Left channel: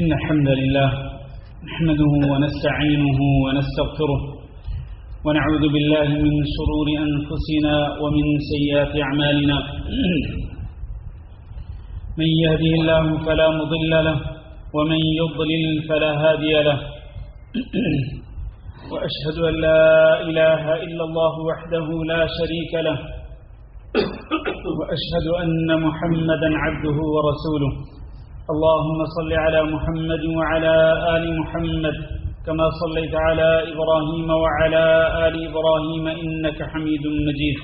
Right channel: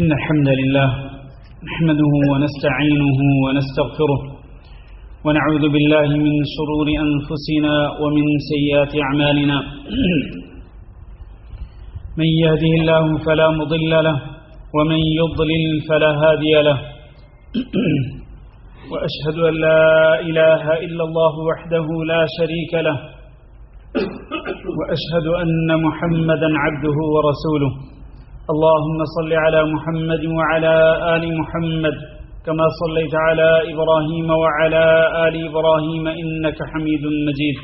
إن الحمد لله نحمده ونستعينه ونستغفره ونعوذ بالله من شرور أنفسنا ومن سيئات أعمالنا من يهده الله فلا مضل له ومن يضلل فلا هادي له وأشهد أن لا إله إلا الله وحده لا شريك له وأشهد أن محمدا عبده ورسوله اللهم صل على محمد وعلى آل محمد كما صليت على إبراهيم وعلى آل إبراهيم إنك حميد مجيد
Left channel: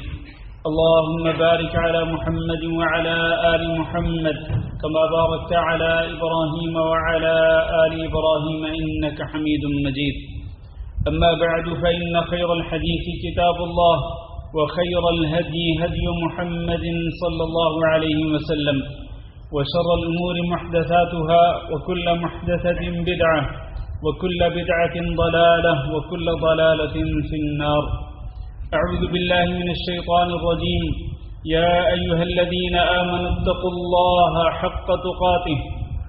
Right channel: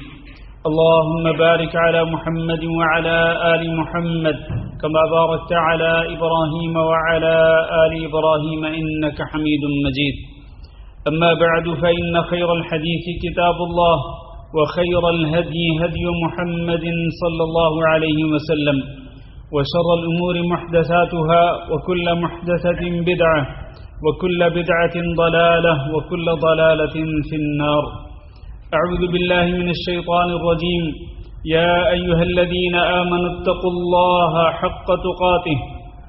اللهم بارك على محمد وعلى آل محمد كما باركت على إبراهيم وعلى آل إبراهيم إنك حميد مجيد أما بعد فإن خير الحديث كتاب الله وخير الهدي هدي محمد صلى الله عليه وسلم وشر الأمور محدثاتها وكل محدثة بدعة وكل بدعة ضلالة وكل ضلالة في النار أعوذ بالله من الشيطان الرجيم يا أيها الذين آمنوا اتقوا الله حق تقاته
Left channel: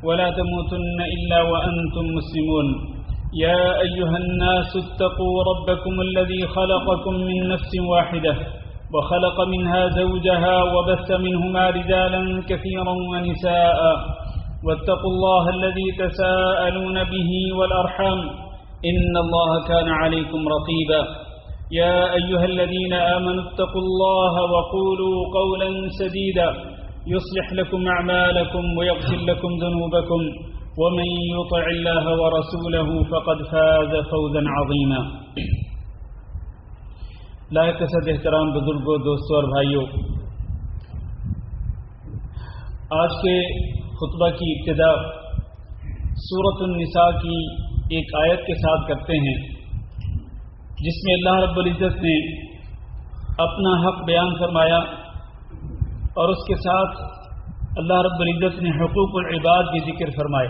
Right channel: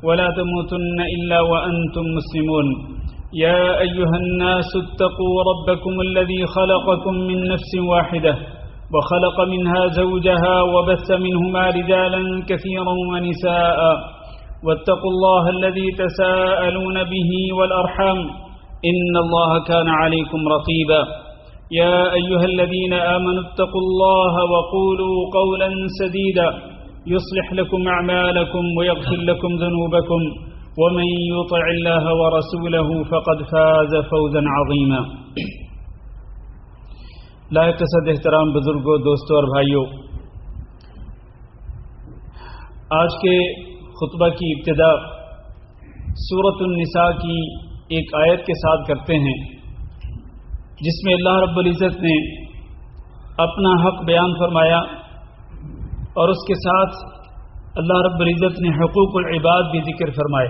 ولا تموتن إلا وأنتم مسلمون يا أيها الناس اتقوا ربكم الذي خلقكم من نفس واحدة وخلق منها زوجها وبث منهما رجالا كثيرا ونساء واتقوا الله الذي تساءلون به والأرحام إن الله كان عليكم رقيبا يا أيها الذين آمنوا اتقوا الله وقولوا قولا سديدا يصلح لكم أعمالكم ويغفر لكم ذنوبكم ومن يطع الله ورسوله فقد فاز فوزا عظيما لائق صد احترام بزرگوں، دوستوں اور بھائیوں، آج کے خطبہ کی ابتدا سورۃ النساء کی ایک آیت کے ساتھ کرتے ہیں جس میں اللہ رب العزت نے اپنا حق بیان فرمایا اور اس کے ساتھ اللہ رب العزت نے حقوق العباد بھی ذکر فرمائے۔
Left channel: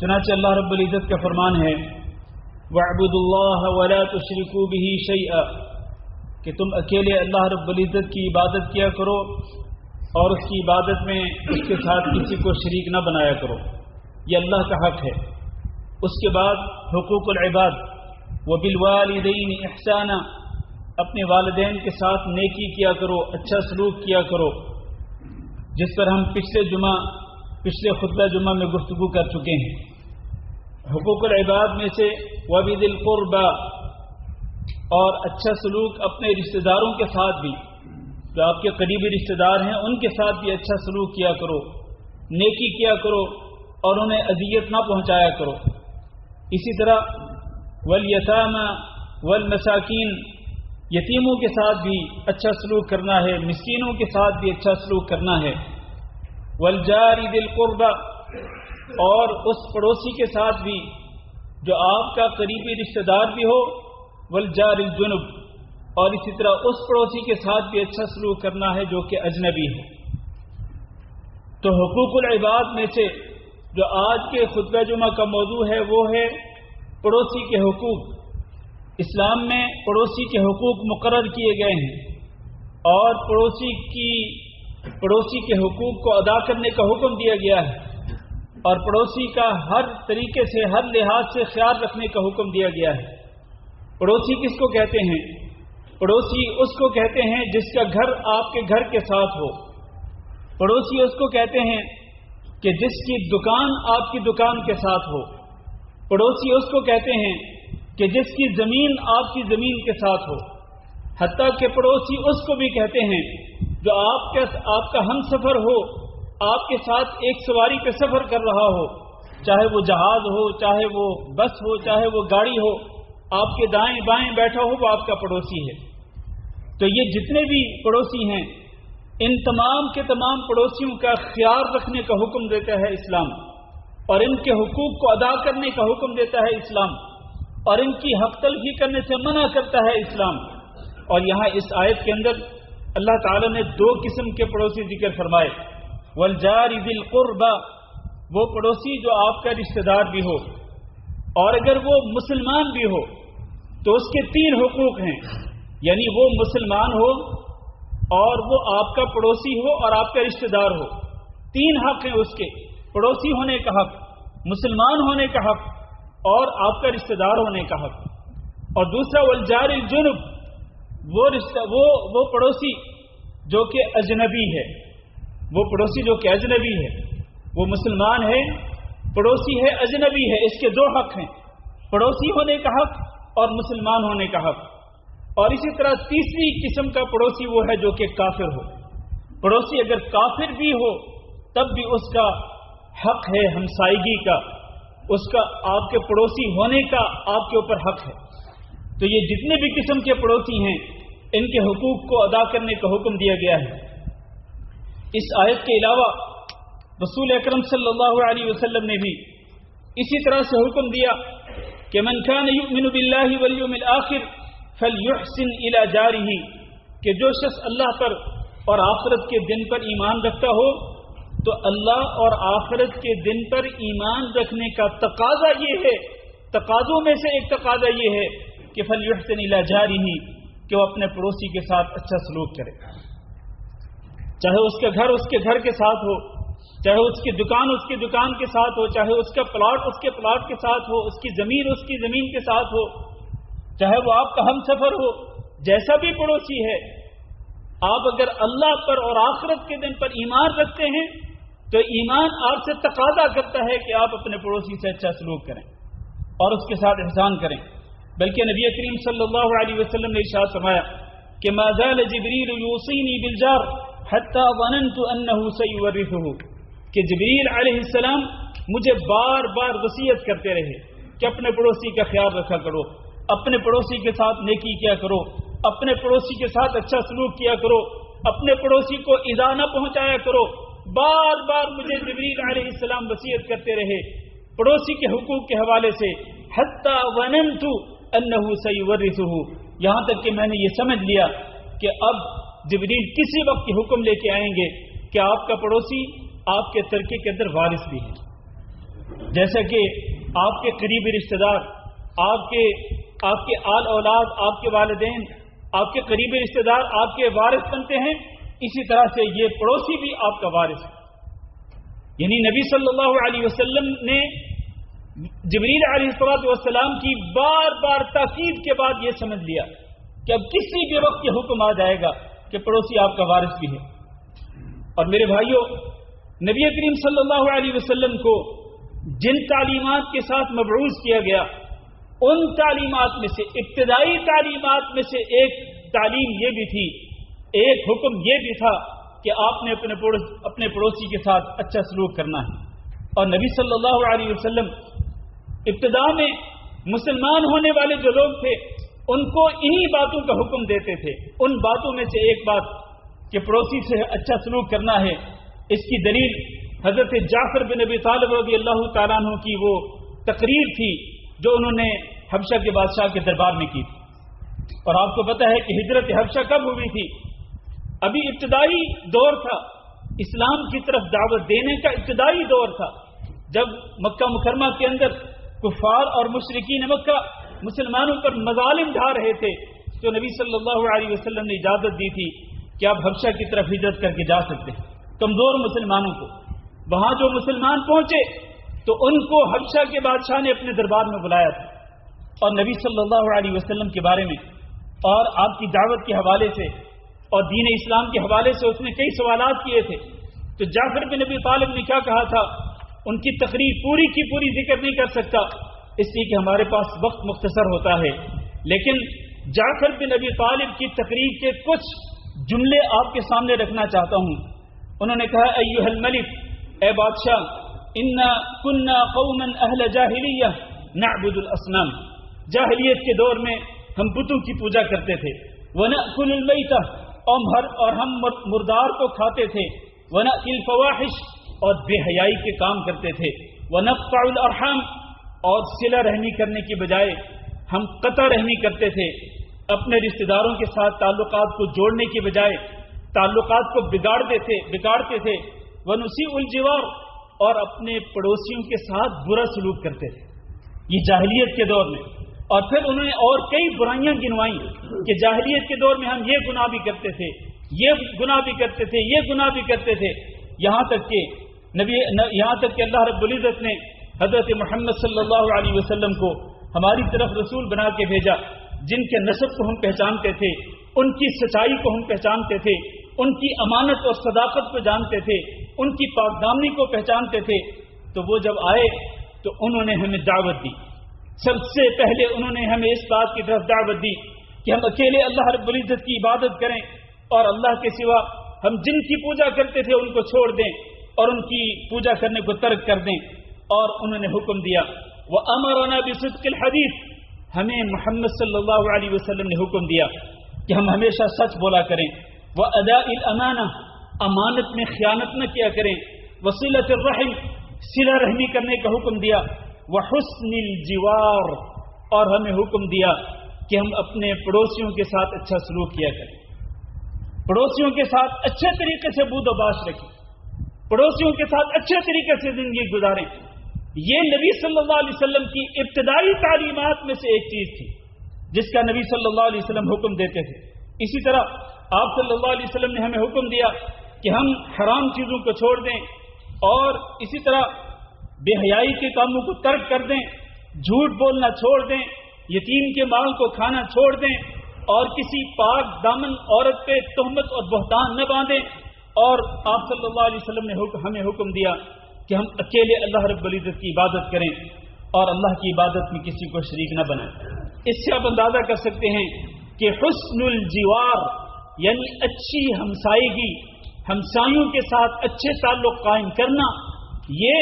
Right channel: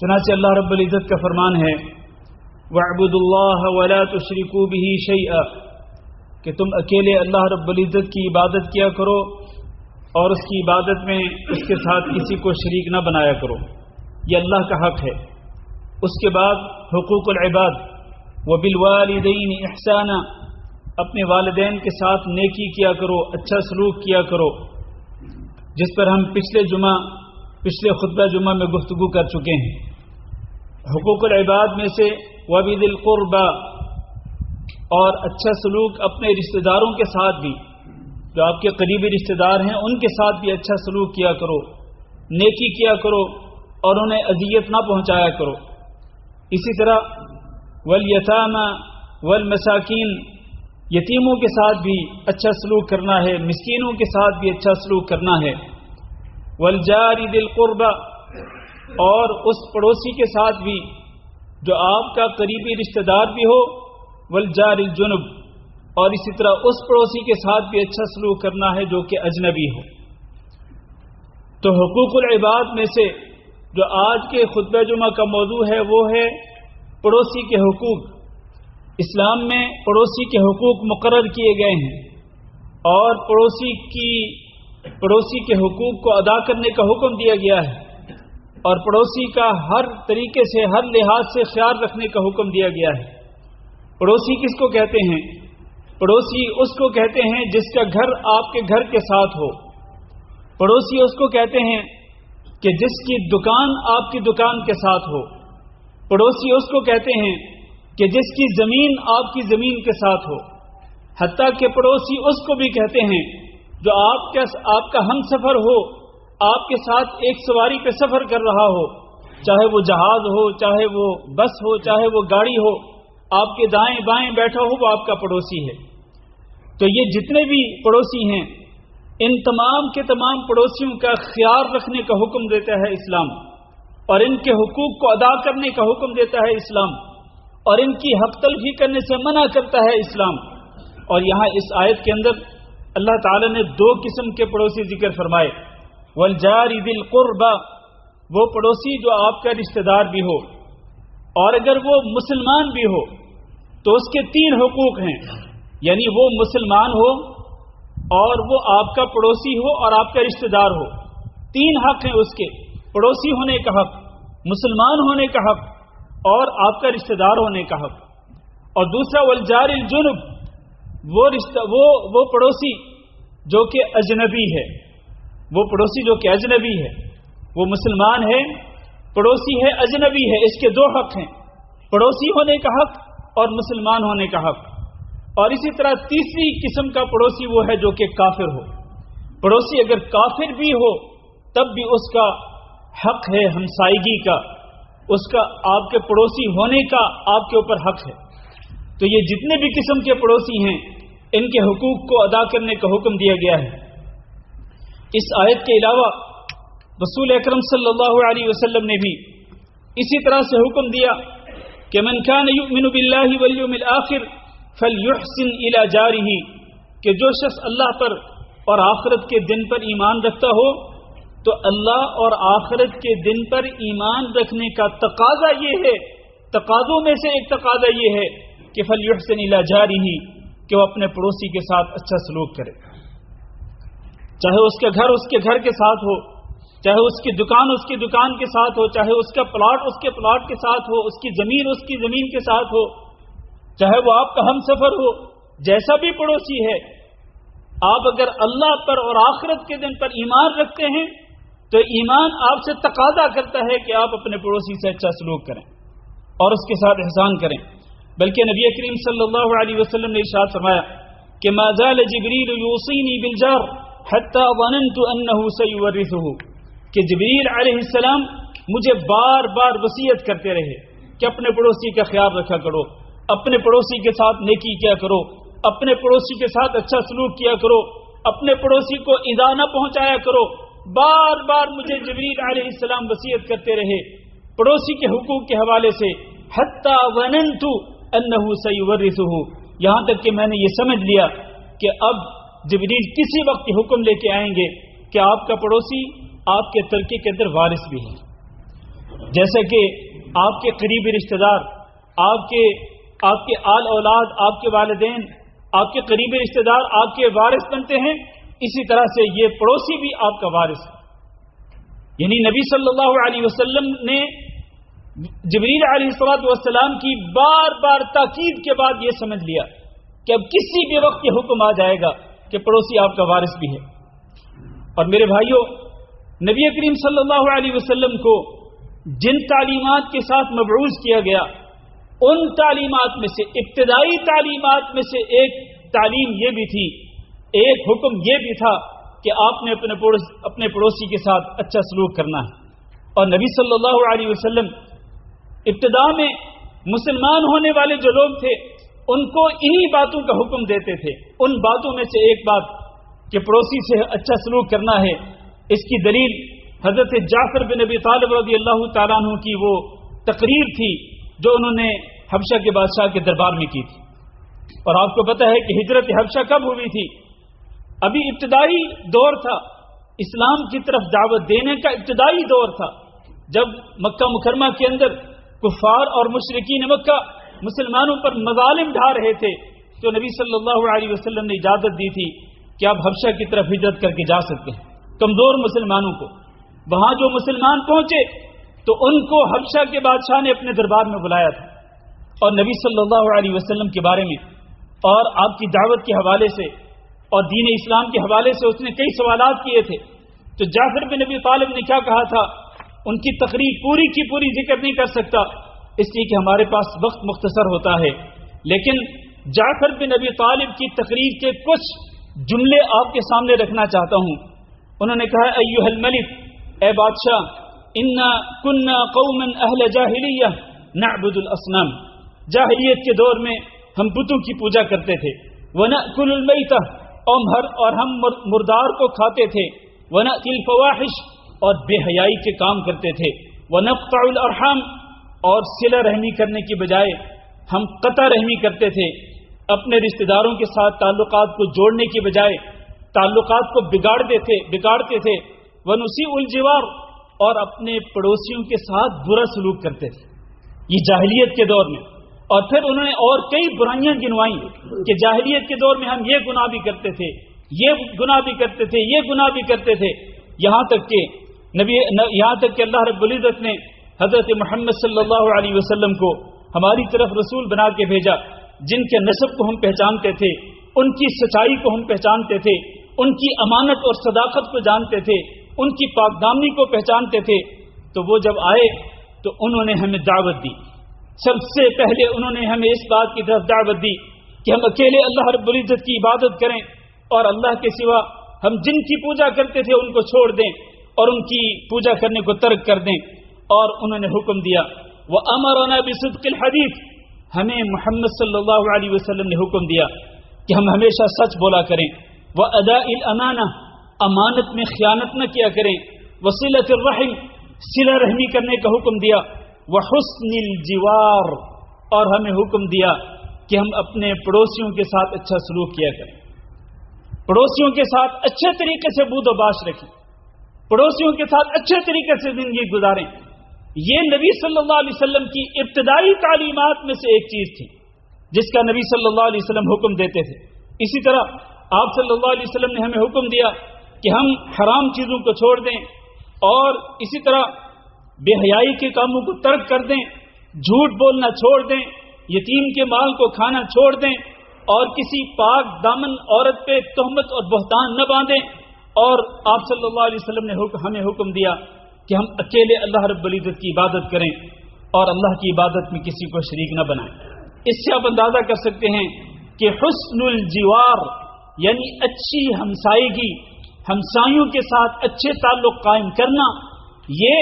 چنانچہ اللہ رب العزت کا فرمان ہے وَاعْبُدُوا اللَّهَ وَلَا تُشْرِكُوا بِهِ شَيْئًا، کہ تم اکیلے اللہ رب العزت کی عبادت کیا کرو اور اس کی عبادت میں اس کے ساتھ کسی کو شریک نہ بنایا کرو، یہ اللہ کا حق ہے۔ اس کے بعد حقوق العباد وَبِالْوَالِدَيْنِ إِحْسَانًا، اپنے والدین کے ساتھ نیکی کیا کرو، اچھا سلوک کیا کرو، جس پر ہم پچھلے خطبہ جمعہ میں گفتگو کر چکے ہیں۔ حقوق العباد میں سے وَبِذِي الْقُرْبَى، اور اچھا سلوک اپنے رشتہ داروں کے ساتھ بھی، جو آپ کے قریبی رشتہ دار ہیں ان کے ساتھ بھی اچھا سلوک کیا کرو، نیکی کیا کرو اور انہیں اذیت نہ پہنچایا کرو۔ اسی طرح وَالْيَتَامَى وَالْمَسَاكِينَ، یتیموں کے ساتھ بھی اچھا سلوک کرنا ہے، مسکینوں کے ساتھ بھی اچھا سلوک کرنا ہے۔ وَالْجَارِ ذِي الْقُرْبَى، اور اس پڑوسی کے ساتھ بھی جو آپ کا قریبی رشتہ دار بھی ہو، وَالْجَارِ الْجُنُبِ، اور اسی طرح اس پڑوسی کے ساتھ بھی اچھا سلوک کرنا ہے جو کہ اجنبی ہو۔ تو حقوق العباد میں سے جو آج کے خطبہ جمعہ کا موضوع ہے وہ ہے پڑوسی کے حقوق۔ اسلام میں پڑوسی کے حقوق مقرر کیے گئے ہیں اور پڑوسی کے حقوق کو ادا کرنے کا حکم دیا گیا ہے، اور پڑوسی کا ہر طریقے سے، ہر لحاظ سے خیال رکھنے کا حکم دیا گیا ہے۔ پڑوسی کس کو کہتے ہیں؟ پڑوسی اس کو کہتے ہیں جس کا گھر آپ کے گھر کے ساتھ ہو۔ پڑوسی اس کو کہتے ہیں کہ جس کی دکان آپ کی دکان کے ساتھ ہو۔ پڑوسی اس کو کہتے ہیں کہ جس کی زمین آپ کی زمین کے ساتھ ہو۔ حتیٰ کہ پڑوسی اس کو بھی کہتے ہیں جو آپ کا ہم سفر ہو، آپ کے ساتھ ایک سواری پہ سفر کر رہا ہو، چاہے وہ جہاز ہو، چاہے وہ بس ہو، چاہے وہ گاڑی ہو، آپ کے دائیں بائیں بیٹھا ہو، وہ آپ کا پڑوسی ہے۔ تو یہ جتنے بھی پڑوسی ہیں ان تمام کے تمام پڑوسیوں کا خیال رکھنے کا حکم دیتا ہے اسلام، اور ان کے حقوق کو ادا کرنے کا حکم دیتا ہے اسلام، اور ان کی حق تلفی کرنے سے منع کرتا ہے اسلام۔ اور یہاں اس آیت کے اندر اللہ تعالی نے دو قسم کے پڑوسی ذکر فرمائے، وَالْجَارِ ذِي الْقُرْبَى، وہ پڑوسی جو آپ کا رشتہ دار بھی ہو، اور اگر وہ مسلمان بھی ہو تو اس کے 3 حقوق ہیں، یعنی وہ مسلمان ہو اور وہ آپ کا پڑوسی ہو اور آپ کا رشتہ دار ہو، 3 حق ہیں اس کے۔ پڑوسی ہونے کا حق، مسلمان ہونے کا حق اور آپ کا رشتہ دار ہونے کا حق. اور دوسرا والجار الجنب، وہ پڑوسی جو کہ اجنبی ہے، وہ پڑوسی جو کہ اجنبی ہے، وہ مسلمان ہے، پڑوسی ہے، اجنبی ہے. اس کے دو حق ہیں، پڑوسی ہونے کا حق اور مسلمان ہونے کا حق. اور اسی طرح تیسری قسم کا پڑوسی وہ ہے جو کہ کافر ہو. پڑوسی اگر کافر بھی ہو تب بھی اس کا حق ہے ہمسائیگی کا، اس کا آپ کے پڑوسی ہونے کا آپ کے اوپر حق ہے. تو یہ جتنے بھی قسم کے پڑوسی ہیں ان کے حقوق کو ادا کرنے کا حکم دیا گیا ہے. اس آیت کے علاوہ رسول اکرم صلی اللہ علیہ وسلم نے بھی اسی طرح سے حکم دیا کہ من کان یؤمن باللہ والیوم الآخر فلیحسن الی جارہ، کہ جو شخص اللہ پر اور آخرت کے دن پر ایمان رکھتا ہو تو اللہ اور آخرت کے دن پر ایمان رکھنے کا تقاضا یہ ہے، تقاضوں میں سے ایک تقاضا یہ ہے کہ فلیحسن الی جارہ، کہ وہ اپنے پڑوسی کے ساتھ اچھا سلوک کرے، چاہے اس کا گھر اس کے گھر کے ساتھ ہو، چاہے اس کی دکان اس کی دکان کے ساتھ ہو، چاہے اس کا پلاٹ اس کے پلاٹ کے ساتھ ہو، اس کی زمین اس کی زمین کے ساتھ ہو، چاہے وہ آپ کا ہم سفر ہو، جیسا بھی پڑوسی ہے. آپ اگر اللہ پر اور آخرت کے دن پر ایمان رکھتے ہیں تو ایمان آپ سے تقاضا کرتا ہے کہ آپ اپنے پڑوسی سے اچھا سلوک کریں اور اس کے ساتھ احسان کریں. بلکہ نبی کریم صلی اللہ علیہ وسلم نے ارشاد فرمایا کہ ما زال جبریل یوصینی بالجار حتی ظننت انہ سیورثہ، کہ جبریل علیہ السلام مجھے بار بار وصیت کرتے رہے کہ اپنے پڑوسی کا خیال رکھا کرو، اپنے پڑوسی کے ساتھ نیکی کیا کرو، اپنے پڑوسی کے ساتھ اچھا سلوک کیا کرو، اپنے پڑوسی کو ایذا نہ پہنچایا کرو. بار بار مجھے جبریل علیہ السلام وصیت کرتے رہے پڑوسی کے حقوق کے حوالے سے، حتی ظننت انہ سیورثہ، یہاں تک کہ میں نے یہ سمجھ لیا کہ اب جبریل کسی وقت حکم لے کے آئیں گے کہ آپ کا پڑوسی آپ کے ترکے کے اندر وارث بھی ہے. جیسا کہ آپ کے قریبی رشتہ دار، آپ کے آل اولاد، آپ کے والدین، آپ کے قریبی رشتہ دار آپ کے وارث بنتے ہیں، اسی طرح سے یہ پڑوسی بھی آپ کا وارث ہے. یعنی نبی صلی اللہ علیہ وسلم نے جبریل علیہ السلام کی بار بار تاکید کے بعد یہ سمجھ لیا کہ اب کسی بھی وقت یہ حکم آ جائے گا کہ پڑوسی آپ کا وارث بھی ہے. اور میرے بھائیوں، نبی کریم صلی اللہ علیہ وسلم کو جن تعلیمات کے ساتھ مبعوث کیا گیا ان تعلیمات میں سے، ابتدائی تعلیمات میں سے ایک تعلیم یہ بھی تھی، ایک حکم یہ بھی تھا کہ آپ نے اپنے پڑوسی کے ساتھ اچھا سلوک کرنا ہے. اور نبی صلی اللہ علیہ وسلم ابتدا میں مسلمان ہونے والے جو لوگ تھے ان کو انہی باتوں کا حکم دیتے تھے. ان باتوں میں سے ایک بات کہ پڑوسی سے اچھا سلوک کرنا ہے. اس کی دلیل حضرت جعفر بن ابی طالب رضی اللہ تعالیٰ عنہ کی وہ تقریر تھی جو انہوں نے حبشہ کے بادشاہ کے دربار میں کی تھی. اور آپ کو پتہ ہے کہ ہجرت حبشہ کب ہوئی تھی؟ ابھی ابتدائی دور تھا، اسلام کی طرف دعوت دینے کا ابتدائی دور تھا، جب مکہ مکرمہ کے اندر کفار اور مشرکین مکہ مسلمانوں پر مظالم ڈھا رہے تھے. تو نبی صلی اللہ علیہ وسلم نے اجازت دی تھی کہ آپ حبشہ کی طرف ہجرت کر کے جا سکتے ہیں کمزور مسلمانوں کو. وہاں جو مسلمان پہنچے تو ان کو حبشہ کے بادشاہ نے اپنے دربار میں بلایا تھا اور نبی صلی اللہ علیہ وسلم کے بارے میں اور آپ کی دعوت کے حوالے سے اور دین اسلام کے حوالے سے اس نے کئی سوالات کیے تھے. تو جعفر بن ابی طالب نے کیا کہا تھا، ان کی تقریر پوری کی پوری ذکر نہیں کر سکتا اس لیے کہ ہمارے پاس وقت مختصر ہوتا ہے، لیکن جعفر بن ابی طالب کی تقریر کے کچھ جملے آپ کے سامنے رکھنا چاہتا ہوں. انہوں نے کہا ایھا الملک، اے بادشاہ، انا کنا قوما اہل جاہلیہ نعبد الاصنام، جاہلیت کے دور میں ہم بتوں کی پوجا کرتے تھے. ونأکل المیتہ، اور ہم مردار کو کھاتے تھے. ونأتی الفواحش، اور بے حیائی کے کام کرتے تھے. ونقطع الارحام، اور صلہ رحمی کرنے کی بجائے ہم قطع رحمی کرتے تھے. اپنے رشتہ داروں کے ساتھ تعلقات کو جوڑنے کی بجائے تعلقات کو بگاڑتے تھے. ونسیء الجوار، اور اپنے پڑوسیوں کے ساتھ برا سلوک کرتے تھے. یہ جاہلیت کے دور میں. اور پھر انہوں نے اور کئی برائیاں گنوائیں کہ جاہلیت کے دور میں ہم یہ گناہ بھی کرتے تھے، یہ گناہ بھی کرتے تھے، یہ گناہ بھی کرتے تھے. یہاں تک کہ یہاں تک کہ اللہ رب العزت نے حضرت محمد صلی اللہ علیہ وسلم کو ہماری طرف رسول بنا کے بھیجا، جن کے نسب کو ہم پہچانتے تھے، ان کی سچائی کو ہم پہچانتے تھے، ان کی امانت اور صداقت کو جانتے تھے، ان کی پاک دامنی کو پہچانتے تھے، تو وہ جب آئے تو انہوں نے ہمیں دعوت دی۔ سب سے پہلے انہوں نے ہمیں اس بات کی طرف دعوت دی کہ ہم اکیلے اللہ رب العزت کی عبادت کریں اور اللہ کے سوا ہم جن کی پوجا کرتے تھے ان کو چھوڑ دیں اور ان کی پوجا کرنے کو ترک کر دیں۔ اور انہوں نے حکم دیا وَأَمَرَنَا بِصِدْقِ الْحَدِيثِ، ہمیں محمد صلی اللہ علیہ وسلم نے حکم دیا کہ ہم ہمیشہ سچ بولا کریں، وَأَدَاءِ الْأَمَانَةِ، امانت میں خیانت نہ کیا کریں، وَصِلَةِ الرَّحِمِ، صلہ رحمی کرنے کا حکم دیا، وَحُسْنِ الْجِوَارِ، اور ہمیں حکم دیا کہ ہم اپنے پڑوسیوں کے ساتھ اچھا سلوک کیا کریں، پڑوسیوں کے ساتھ اچھے طریقے سے بود و باش رکھیں، پڑوسیوں کے ساتھ اچھے طریقے سے زندگی گزاریں۔ یہ نبی صلی اللہ علیہ وسلم کی ابتدائی تعلیمات میں سے ایک چیز تھی جس کا نبی صلی اللہ علیہ وسلم حکم دیتے تھے۔ اسی طرح آپ صلی اللہ علیہ وسلم نے ہمیں حکم دیا کہ ہم حرام چیزوں کو چھوڑ دیں، اور اسی طرح بے حیائی کے کاموں کو ترک کر دیں، جھوٹ بولنا چھوڑ دیں، یتیم کے مال کو کھانا چھوڑ دیں، اور کسی پاک دامن عورت پہ تہمت اور بہتان نہ باندھیں۔ اور آپ صلی اللہ علیہ وسلم نے ہمیں حکم دیا کہ ہم اکیلے اللہ رب العزت کی عبادت کریں اور اللہ کی عبادت میں کسی کو شریک نہ بنائیں۔ اس سے آپ اندازہ کر سکتے ہیں کہ حسن الجوار یعنی اچھی ہمسائیگی، ہمسایوں کے ساتھ اچھے تعلق قائم کرنا، یہ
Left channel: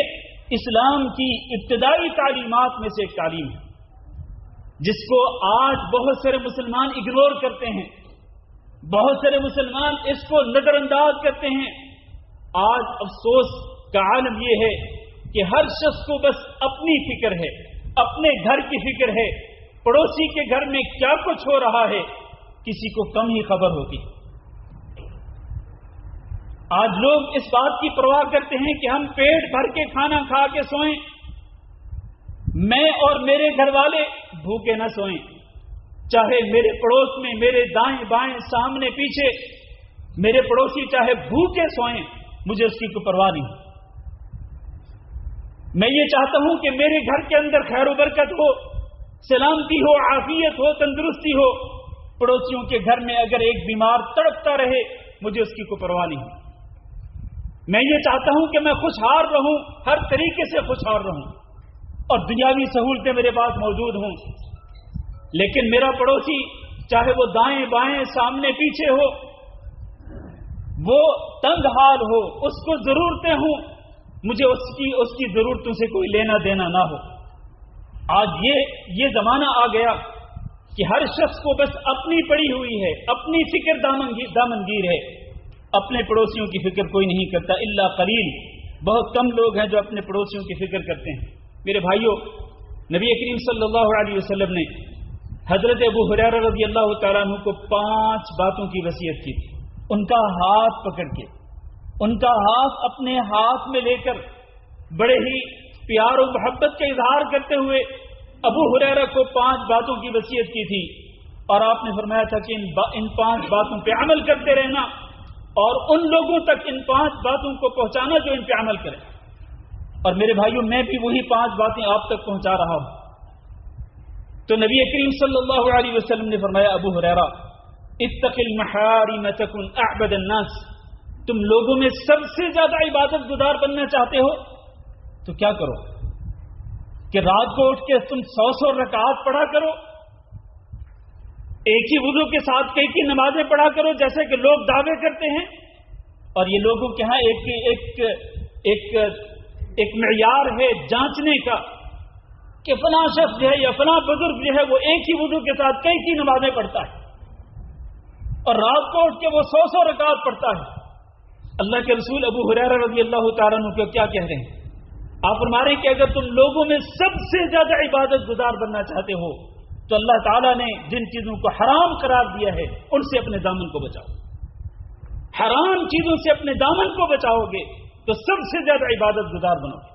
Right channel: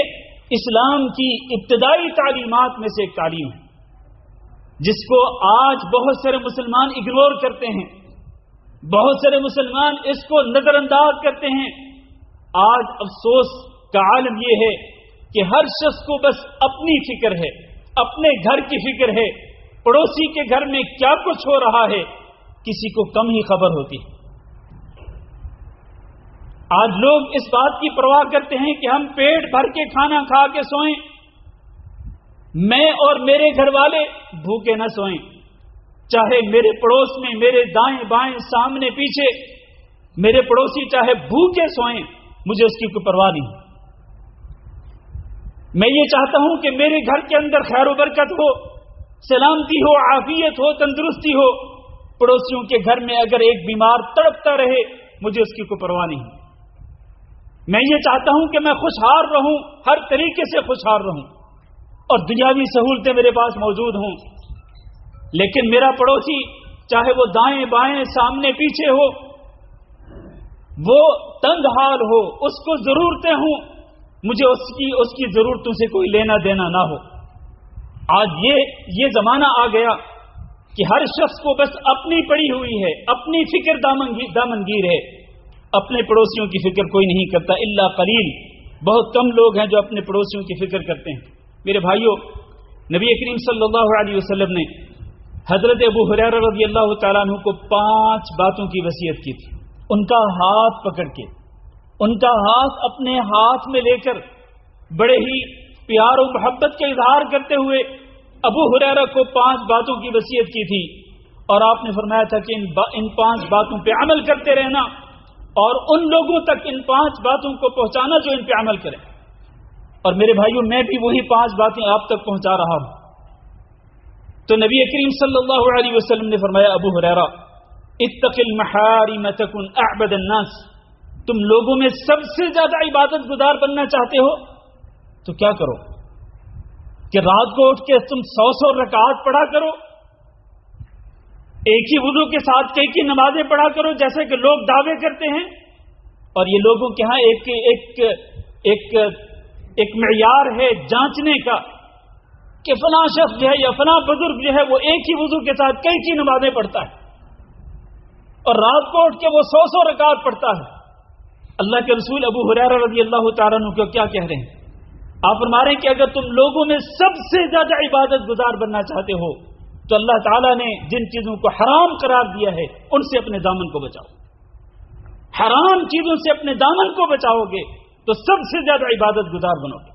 اسلام کی ابتدائی تعلیمات میں سے ایک تعلیم ہے جس کو آج بہت سارے مسلمان اگنور کرتے ہیں، بہت سارے مسلمان اس کو نظر انداز کرتے ہیں۔ آج افسوس کا عالم یہ ہے کہ ہر شخص کو بس اپنی فکر ہے، اپنے گھر کی فکر ہے، پڑوسی کے گھر میں کیا کچھ ہو رہا ہے کسی کو کم ہی خبر ہوتی۔ آج لوگ اس بات کی پرواہ کرتے ہیں کہ ہم پیٹ بھر کے کھانا کھا کے سوئیں، میں اور میرے گھر والے بھوکے نہ سوئیں، چاہے میرے پڑوس میں، میرے دائیں بائیں سامنے پیچھے میرے پڑوسی چاہے بھوکے سوئیں، مجھے اس کی کوئی پرواہ نہیں۔ میں یہ چاہتا ہوں کہ میرے گھر کے اندر خیر و برکت ہو، سلامتی ہو، عافیت ہو، تندرستی ہو۔ پڑوسیوں کے گھر میں اگر ایک بیمار تڑپتا رہے، مجھے اس کی کوئی پرواہ نہیں۔ میں یہ چاہتا ہوں کہ میں خوشحال رہوں، ہر طریقے سے خوشحال رہوں، اور دنیاوی سہولتیں میرے پاس موجود ہوں، لیکن میرا پڑوسی چاہے وہ دائیں بائیں سامنے پیچھے ہو، وہ تنگ حال ہو، اس کو ضرورتیں ہوں، مجھے اس کی ضرورتوں سے کوئی لینا دینا نہ ہو۔ آج یہ زمانہ آ گیا کہ ہر شخص کو بس اپنی پڑی ہوئی ہے، اپنی فکر دامنگیر ہے، اپنے پڑوسیوں کی فکر کوئی نہیں کرتا، الا قلیل، بہت کم لوگ ہیں جو اپنے پڑوسیوں کی فکر کرتے ہیں۔ میرے بھائیوں، نبی کریم صلی اللہ علیہ وسلم نے حضرت ابو ہریرہ رضی اللہ تعالیٰ عنہ کو 5 باتوں کی وصیت کی تھی۔ ان کا ہاتھ پکڑ کے، ان کا ہاتھ اپنے ہاتھ میں لے کر، بڑے ہی پیار و محبت کا اظہار کرتے ہوئے ابو ہریرہ کو 5 باتوں کی وصیت کی تھی، اور آپ نے فرمایا تھا کہ ان 5 باتوں پہ عمل کرتے رہنا، اور ان لوگوں تک ان 5 باتوں کو پہنچانا جو ان پہ عمل کریں۔ اور میرے بھائیوں، میں بھی وہی 5 باتیں آپ تک پہنچا رہا ہوں۔ تو نبی کریم صلی اللہ علیہ وسلم نے فرمایا، ابو ہریرہ، اتق المحارم تکن اعبد الناس، تم لوگوں میں سب سے زیادہ عبادت گزار بننا چاہتے ہو تو کیا کرو کہ رات کو اٹھ کے تم 100 رکعات پڑھا کرو، ایک ہی وضو کے ساتھ کئی نمازیں پڑھا کرو جیسے کہ لوگ دعوے کرتے ہیں۔ اور یہ لوگوں کے ہاں ایک معیار ہے جانچنے کا کہ فلاں شخص جو ہے یا فلاں بزرگ جو ہے وہ ایک ہی وضو کے ساتھ کئی نمازیں پڑھتا ہے، اور رات کو اٹھ کے وہ 100 رکعات پڑھتا ہے۔ اللہ کے رسول ابو ہریرہ رضی اللہ تعالیٰ عنہ کو کیا کہہ رہے ہیں؟ آپ فرما رہے ہیں کہ اگر تم لوگوں میں سب سے زیادہ عبادت گزار بننا چاہتے ہو تو اللہ تعالیٰ نے جن چیزوں کو حرام قرار دیا ہے ان سے اپنے دامن کو بچاؤ۔ حرام چیزوں سے اپنے دامن کو بچاؤ گے تو سب سے زیادہ عبادت گزار بنو گے۔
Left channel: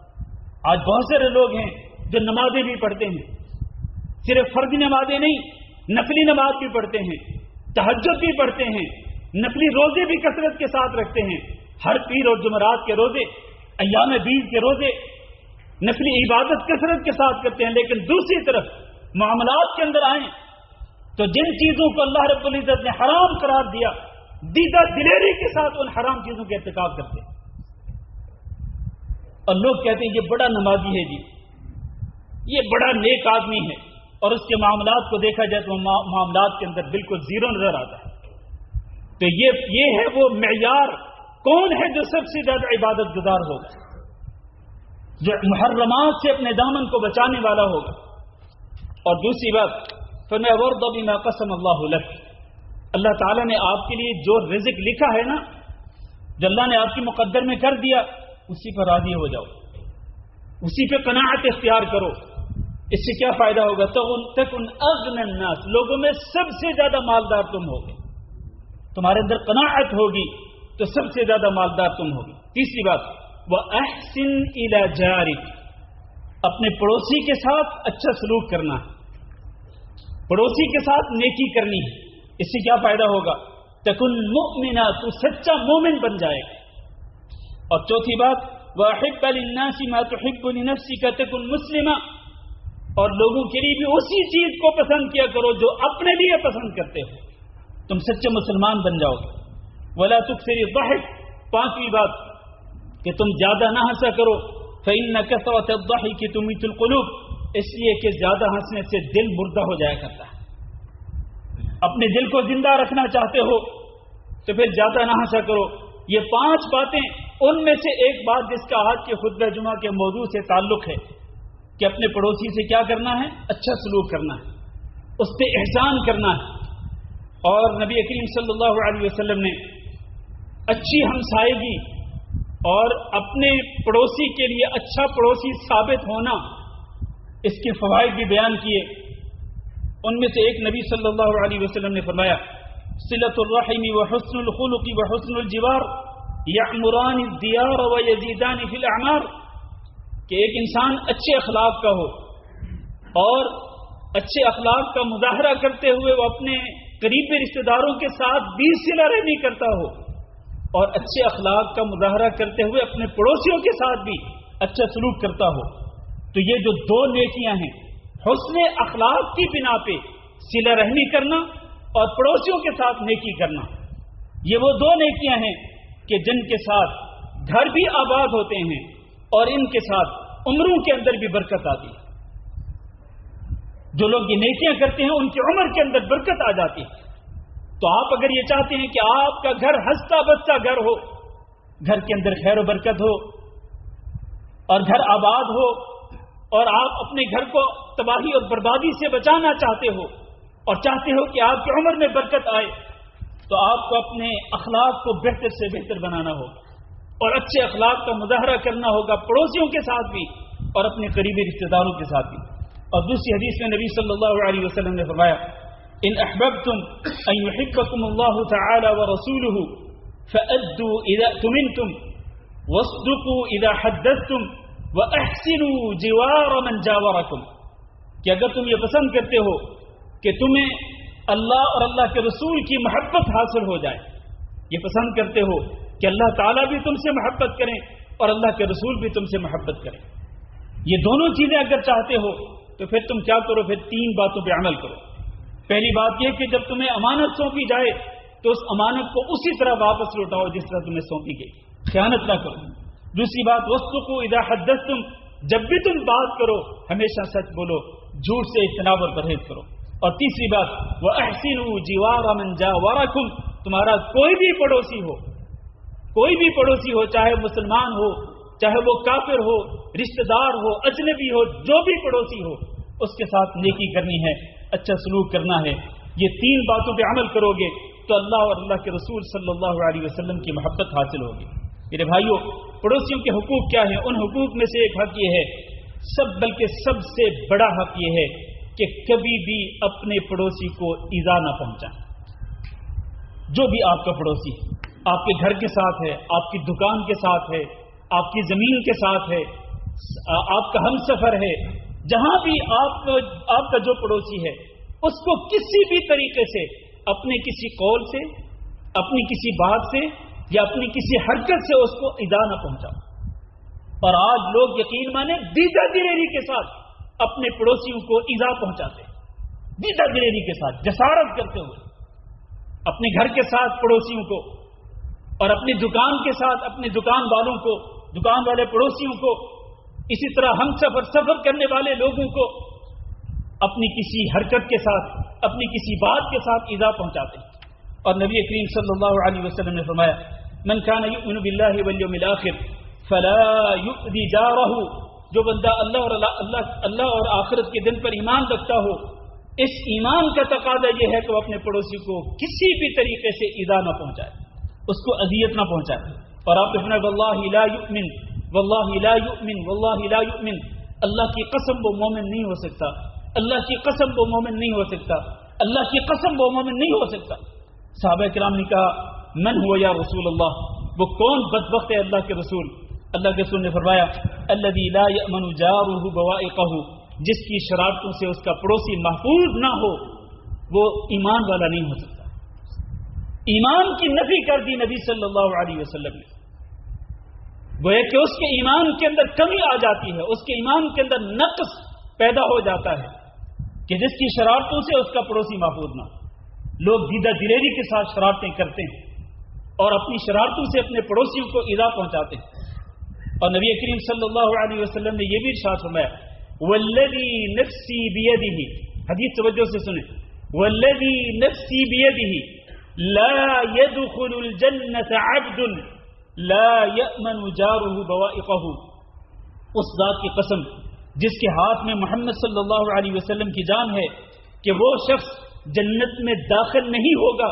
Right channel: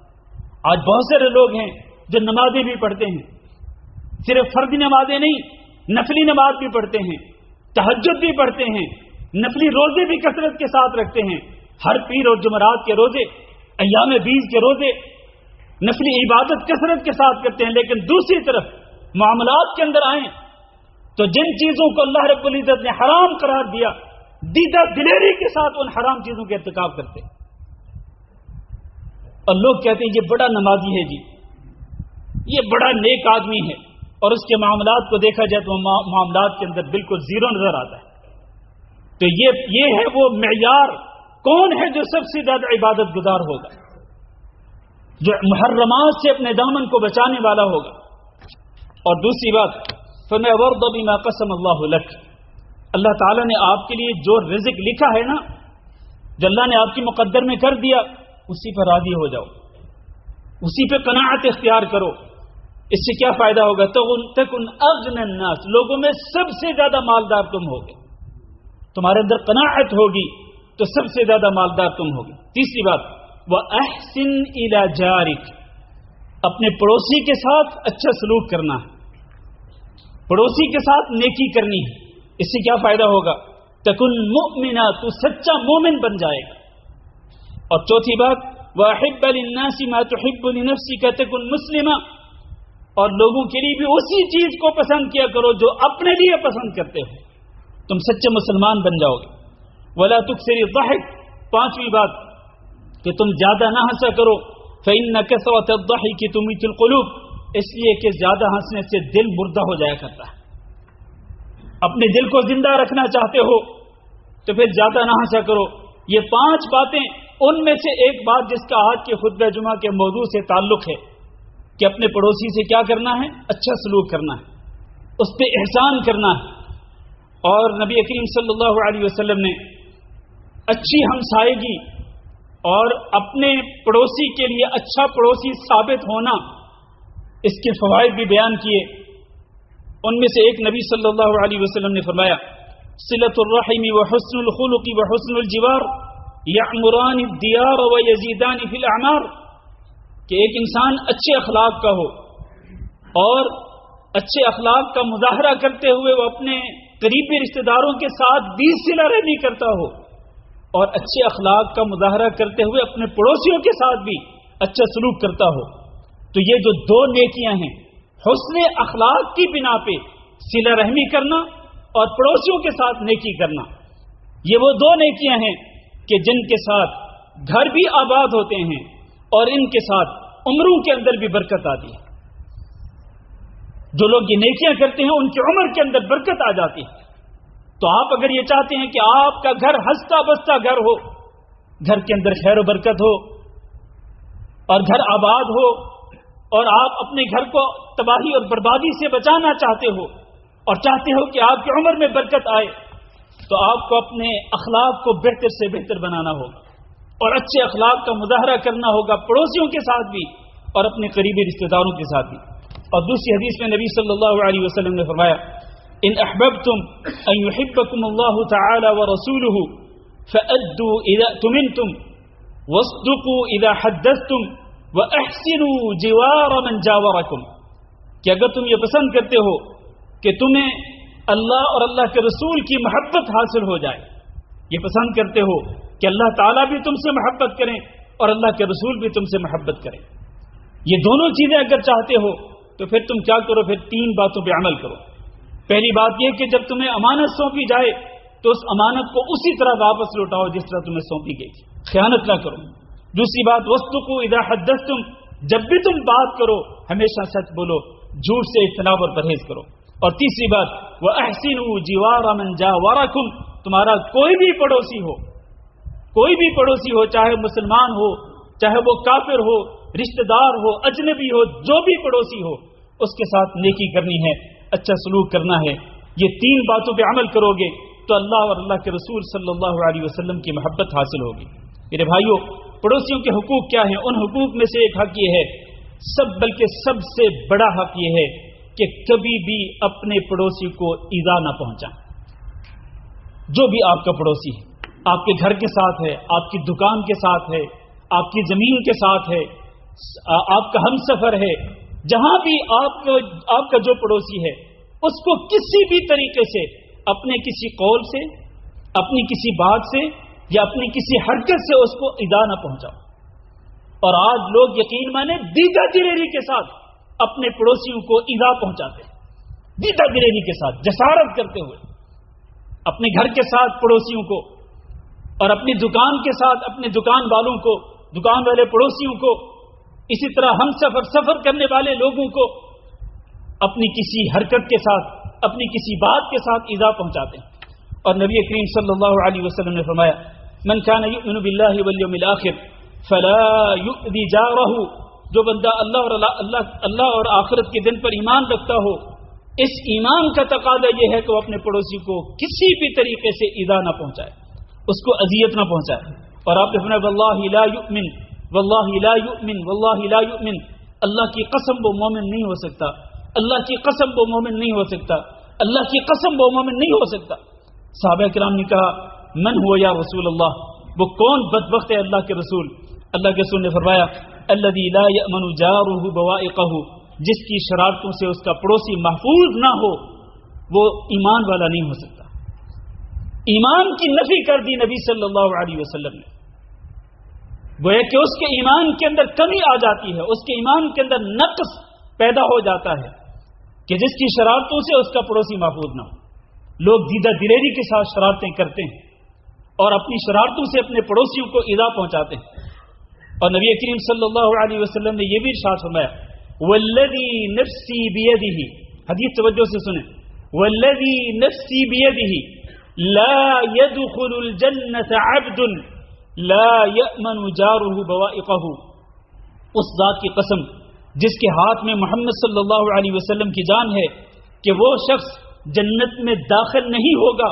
آج بہت سارے لوگ ہیں جو نمازیں بھی پڑھتے ہیں، صرف فرضی نمازیں نہیں، نفلی نماز بھی پڑھتے ہیں، تہجد بھی پڑھتے ہیں، نفلی روزے بھی کثرت کے ساتھ رکھتے ہیں، ہر پیر اور جمعرات کے روزے ایام بیز کے روزے نفلی عبادت کثرت کے ساتھ کرتے ہیں، لیکن دوسری طرف معاملات کے اندر آئیں تو جن چیزوں کو اللہ رب العزت نے حرام قرار دیا دیدہ دلیری کے ساتھ ان حرام چیزوں کے ارتکاب کرتے ہیں۔ اور لوگ کہتے ہیں یہ بڑا نمازی ہے جی، یہ بڑا نیک آدمی ہے، اور اس کے معاملات کو دیکھا جائے تو معاملات کے اندر بالکل زیرو نظر آتا ہے۔ تو یہ ہے وہ معیار، کون ہے جو سب سے زیادہ عبادت گزار ہوگا، جو محرمات سے اپنے دامن کو بچانے والا ہوگا۔ اور دوسری بات، فَمَا وَرْضَ بِمَا قَسَمَ اللَّهُ لَكَ، اللہ تعالیٰ نے آپ کے لیے جو رزق لکھا ہے نا، جو اللہ نے آپ کی مقدر میں کر دیا، اسی پر راضی ہو جاؤ، اسی پہ قناعت اختیار کرو۔ اس سے کیا فائدہ ہوگا؟ تَكُنْ أَغْنَى النَّاسِ، لوگوں میں سب سے زیادہ مالدار تم ہوگے، تمہارے اندر قناعت ہوگی تو سب سے زیادہ مالدار تم ہوگے۔ تیسری بات، وَأَحْسِنْ إِلَى جَارِكَ، اپنے پڑوسی کے ساتھ اچھا سلوک کرنا ہے، پڑوسی کے ساتھ نیکی کرنی ہے۔ اس سے کیا فائدہ ہوگا؟ تکن مؤمنا، تو سچا مومن بن جائے گا۔ اور چوتھی بات، وَأَحِبَّ لِلنَّاسِ مَا تُحِبُّ لِنَفْسِكَ تَكُنْ مُسْلِمًا، اور لوگوں کے لیے بھی اسی چیز کو پسند کیا کرو جو اپنے لیے پسند کرتے ہو، تم سچے مسلمان بن جاؤ گے۔ وَلَا تُكْثِرِ الضَّحِكَ، پانچویں بات کہ تم زیادہ نہ ہنسا کرو، فَإِنَّ كَثْرَةَ الضَّحِكِ تُمِيتُ الْقُلُوبَ، اس لیے کہ زیادہ ہنسنے سے دل مردہ ہو جایا کرتا ہے۔ اپنے دل کو زندہ رکھنا چاہتے ہو تو پھر زیادہ نہ ہنسا کرو۔ یہ پانچ باتیں، ان میں سے ایک بات جس کا آج کے خطبہ جمعہ کے موضوع سے تعلق ہے کہ اپنے پڑوسی سے کیا کرنا ہے؟ اچھا سلوک کرنا ہے، اس پہ احسان کرنا ہے۔ اور نبی کریم صلی اللہ علیہ وسلم نے اچھی ہمسائیگی اور اپنے پڑوسی کے لیے اچھا پڑوسی ثابت ہونا، اس کے فوائد بھی بیان کیے۔ ان میں سے ایک نبی صلی اللہ علیہ وسلم نے فرمایا، صلۃ الرحم وحسن الخلق وحسن الجوار یعمران الدیار ویزیدان فی الاعمار، کہ ایک انسان اچھے اخلاق کا ہو اور اچھے اخلاق کا مظاہرہ کرتے ہوئے وہ اپنے قریبی رشتہ داروں کے ساتھ بھی صلہ رحمی کرتا ہو، اور اچھے اخلاق کا مظاہرہ کرتے ہوئے اپنے پڑوسیوں کے ساتھ بھی اچھا سلوک کرتا ہو۔ تو یہ جو دو نیکیاں ہیں، حسن اخلاق کی بنا پہ صلہ رحمی کرنا اور پڑوسیوں کے ساتھ نیکی کرنا، یہ وہ دو نیکیاں ہیں کہ جن کے ساتھ گھر بھی آباد ہوتے ہیں اور ان کے ساتھ عمروں کے اندر بھی برکت آتی ہے۔ جو لوگ یہ نیکیاں کرتے ہیں ان کی عمر کے اندر برکت آ جاتی ہے۔ تو آپ اگر یہ چاہتے ہیں کہ آپ کا گھر ہنستا بستا گھر ہو، گھر کے اندر خیر و برکت ہو اور گھر آباد ہو، اور آپ اپنے گھر کو تباہی اور بربادی سے بچانا چاہتے ہو اور چاہتے ہو کہ آپ کی عمر میں برکت آئے، تو آپ کو اپنے اخلاق کو بہتر سے بہتر بنانا ہوگا اور اچھے اخلاق کا مظاہرہ کرنا ہوگا پڑوسیوں کے ساتھ بھی اور اپنے قریبی رشتہ داروں کے ساتھ بھی۔ اور دوسری حدیث میں نبی صلی اللہ علیہ وسلم نے فرمایا، ان احببتم ان يحبكم الله تعالى ورسوله فأدوا اذا اؤتمنتم واصدقوا اذا حدثتم واحسنوا جوار من جاوركم، کہ اگر تم یہ پسند کرتے ہو کہ تمہیں اللہ اور اللہ کے رسول کی محبت حاصل ہو جائے، یہ پسند کرتے ہو کہ اللہ تعالیٰ بھی تم سے محبت کریں اور اللہ کے رسول بھی تم سے محبت کریں، یہ دونوں چیزیں اگر چاہتے ہو تو پھر تم کیا کرو؟ پھر تین باتوں پہ عمل کرو۔ پہلی بات یہ کہ جب تمہیں امانت سونپی جائے تو اس امانت کو اسی طرح واپس لوٹاؤ جس طرح تمہیں سونپی گئی تھی، خیانت نہ کرو۔ دوسری بات، وَاصْدُقُوا إِذَا حَدَّثْتُمْ، جب بھی تم بات کرو ہمیشہ سچ بولو، جھوٹ سے اجتناب اور پرہیز کرو۔ اور تیسری بات، وَأَحْسِنُوا جِوَارَ مَنْ جَاوَرَكُمْ، تمہارا کوئی بھی پڑوسی ہو، کوئی بھی پڑوسی ہو، چاہے مسلمان ہو چاہے وہ کافر ہو، رشتہ دار ہو، اجنبی ہو، جو بھی پڑوسی ہو، اس کے ساتھ نیکی کرنی ہے، اچھا سلوک کرنا ہے۔ یہ تین باتوں پہ عمل کرو گے تو اللہ اور اللہ کے رسول صلی اللہ علیہ وسلم کی محبت حاصل ہوگی۔ میرے بھائیوں، پڑوسیوں کے حقوق کیا ہیں؟ ان حقوق میں سے ایک حق یہ ہے، بلکہ سب سے بڑا حق یہ ہے کہ کبھی بھی اپنے پڑوسی کو ایذا نہ پہنچائیں۔ جو بھی آپ کا پڑوسی ہے، آپ کے گھر کے ساتھ ہے، آپ کی دکان کے ساتھ ہے، آپ کی زمین کے ساتھ ہے، آپ کا ہم سفر ہے، جہاں بھی آپ کا جو پڑوسی ہے، اس کو کسی بھی طریقے سے اپنے کسی قول سے، اپنی کسی بات سے یا اپنی کسی حرکت سے اس کو ایذا نہ پہنچاؤ۔ اور آج لوگ یقین مانے دیدہ دلیری کے ساتھ اپنے پڑوسیوں کو ایذا پہنچاتے ہیں، دیدہ دلیری کے ساتھ جسارت کرتے ہوئے اپنے گھر کے ساتھ پڑوسیوں کو اور اپنی دکان کے ساتھ اپنے دکان والوں کو، دکان والے پڑوسیوں کو، اسی طرح ہم سفر کرنے والے لوگوں کو اپنی کسی حرکت کے ساتھ، اپنی کسی بات کے ساتھ ایذا پہنچاتے ہیں۔ اور نبی کریم صلی اللہ علیہ وسلم نے فرمایا من کان یؤمن باللہ والیوم الآخر فلا یؤذی جارہ، جو بندہ اللہ اور آخرت کے دن پر ایمان رکھتا ہو، اس ایمان کا تقاضا یہ ہے کہ وہ اپنے پڑوسی کو کسی بھی طریقے سے ایذا نہ پہنچائے، اس کو اذیت نہ پہنچائے۔ اور آپ نے فرمایا واللہ لا یؤمن واللہ لا یؤمن واللہ لا یؤمن، اللہ کی قسم وہ مومن نہیں ہو سکتا، اللہ کی قسم وہ مومن نہیں ہو سکتا، اللہ کی قسم وہ مومن نہیں ہو سکتا۔ صحابہ کرام نے کہا من ہوا یا رسول اللہ، وہ کون بدبخت ہے اللہ کے رسول؟ اللہ کے رسول نے فرمایا الذی لا یأمن جارہ بوائقہ، جس کی شرارتوں سے اس کا پڑوسی محفوظ نہ ہو وہ ایمان والا نہیں ہو سکتا۔ ایمان کی نفی کر دی نبی صلی اللہ علیہ وسلم نے، گویا کہ اس کے ایمان کے اندر کمی آ جاتی ہے، اس کے ایمان کے اندر نقص پیدا ہو جاتا ہے کہ جس کی شرارتوں سے اس کا پڑوسی محفوظ نہ ہو۔ لوگ دیدہ دلیری کے ساتھ شرارتیں کرتے ہیں اور اپنی شرارتوں سے اپنے پڑوسیوں کو ایذا پہنچاتے ہیں۔ اور نبی کریم صلی اللہ علیہ وسلم نے یہ بھی ارشاد فرمایا والذی نفسی بیدہ، حدیث توجہ سے سنیں، والذی نفسی بیدہ لا يدخل الجنة عبد لا يأمن جارہ بوائقہ، اس ذات کی قسم جس کے ہاتھ میں محمد صلی اللہ علیہ وسلم کی جان ہے کہ وہ شخص جنت میں داخل نہیں ہوگا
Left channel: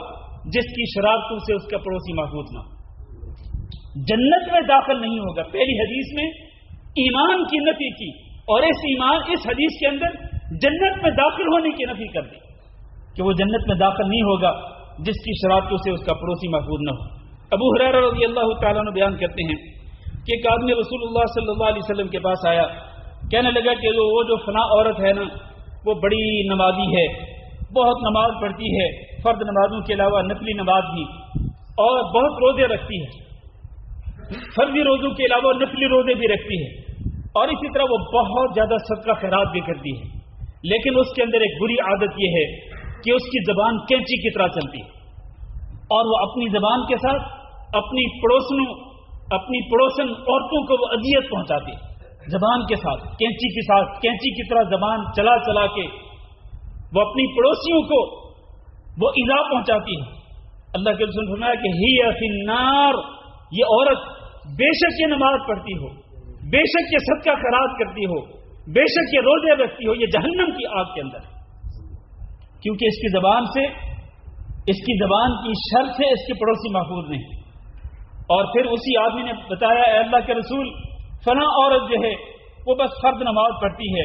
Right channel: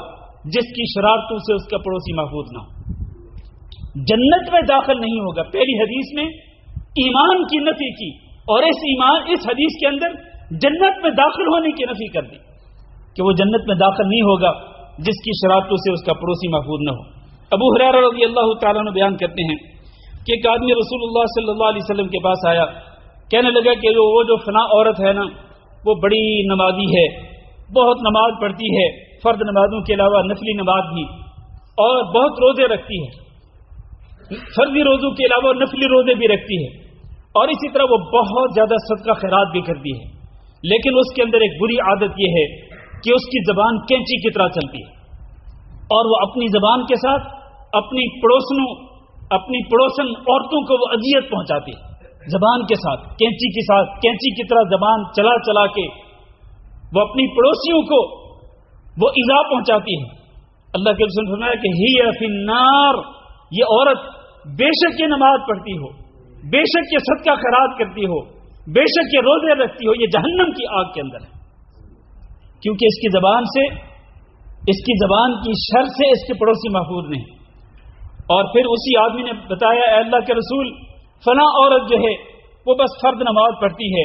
جس کی شرارتوں سے اس کا پڑوسی محفوظ نہ ہو، جنت میں داخل نہیں ہوگا۔ پہلی حدیث میں ایمان کی نفی کی اور اس حدیث کے اندر جنت میں داخل ہونے کی نفی کر دی کہ وہ جنت میں داخل نہیں ہوگا جس کی شرارتوں سے اس کا پڑوسی محفوظ نہ ہو۔ ابو ہریرہ رضی اللہ تعالیٰ عنہ بیان کرتے ہیں کہ ایک آدمی رسول اللہ صلی اللہ علیہ وسلم کے پاس آیا، کہنے لگا کہ وہ جو فلاں عورت ہے نا وہ بڑی نمازی ہے، بہت نماز پڑھتی ہے، فرض نمازوں کے علاوہ نفلی نماز بھی، اور بہت روزے رکھتی ہے، فرضی روزوں کے علاوہ نفلی روزے بھی رکھتی ہے، اور اسی طرح وہ بہت زیادہ صدقہ خیرات بھی کرتی ہے، لیکن اس کے اندر ایک بری عادت یہ ہے کہ اس کی زبان کینچی کی طرح چلتی ہے، اور وہ اپنی زبان کے ساتھ اپنی پڑوسن عورتوں کو وہ اذیت پہنچاتی ہے، زبان کے ساتھ کینچی کی طرح زبان چلا چلا کے وہ اپنی پڑوسیوں کو وہ ایذا پہنچاتی ہے۔ اللہ کے رسول نے فرمایا کہ ہی فی النار، یہ عورت بے شک یہ نماز پڑھتی ہو، بے شک یہ صدقہ خیرات کرتی ہو، بے شک یہ روزے رکھتی ہو، یہ جہنم کی آگ کے اندر ہے، کیونکہ اس کی زبان کی شر سے اس کے پڑوسی محفوظ نہیں۔ اور پھر اسی آدمی نے بتایا اے اللہ کے رسول فلاں عورت جو ہے وہ بس فرض نماز پڑھتی ہے،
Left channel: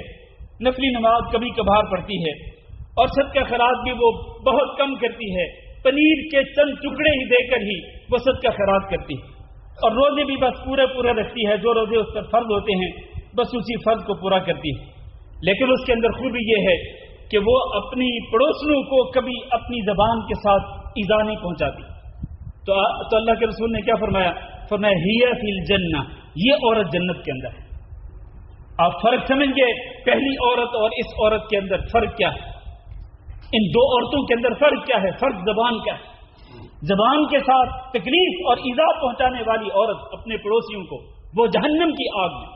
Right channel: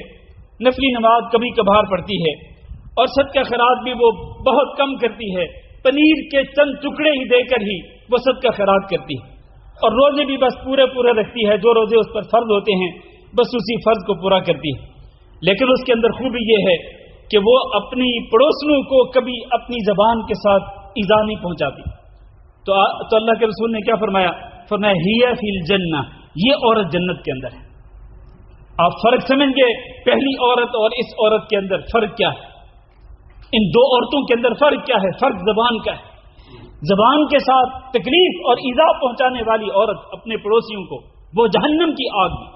نفلی نماز کبھی کبھار پڑھتی ہے، اور صدقہ خیرات بھی وہ بہت کم کرتی ہے، پنیر کے چند ٹکڑے ہی دے کر ہی وہ صدقہ خیرات کرتی ہے، اور روزے بھی بس پورے رکھتی ہے، جو روزے اس پر فرض ہوتے ہیں بس اسی فرض کو پورا کرتی ہے، لیکن اس کے اندر خوبی یہ ہے کہ وہ اپنی پڑوسنوں کو کبھی اپنی زبان کے ساتھ ایذا نہیں پہنچاتی۔ تو اللہ کے رسول نے کیا فرمایا ہی فی الجنہ، یہ عورت جنت کے اندر ہے۔ آپ فرق سمجھ گئے پہلی عورت اور اس عورت کے اندر فرق کیا ہے؟ ان دو عورتوں کے اندر فرق کیا ہے؟ فرق زبان کا ہے۔ زبان کے ساتھ تکلیف اور ایذا پہنچانے والی عورت اپنے پڑوسیوں کو وہ جہنم کی آگ میں،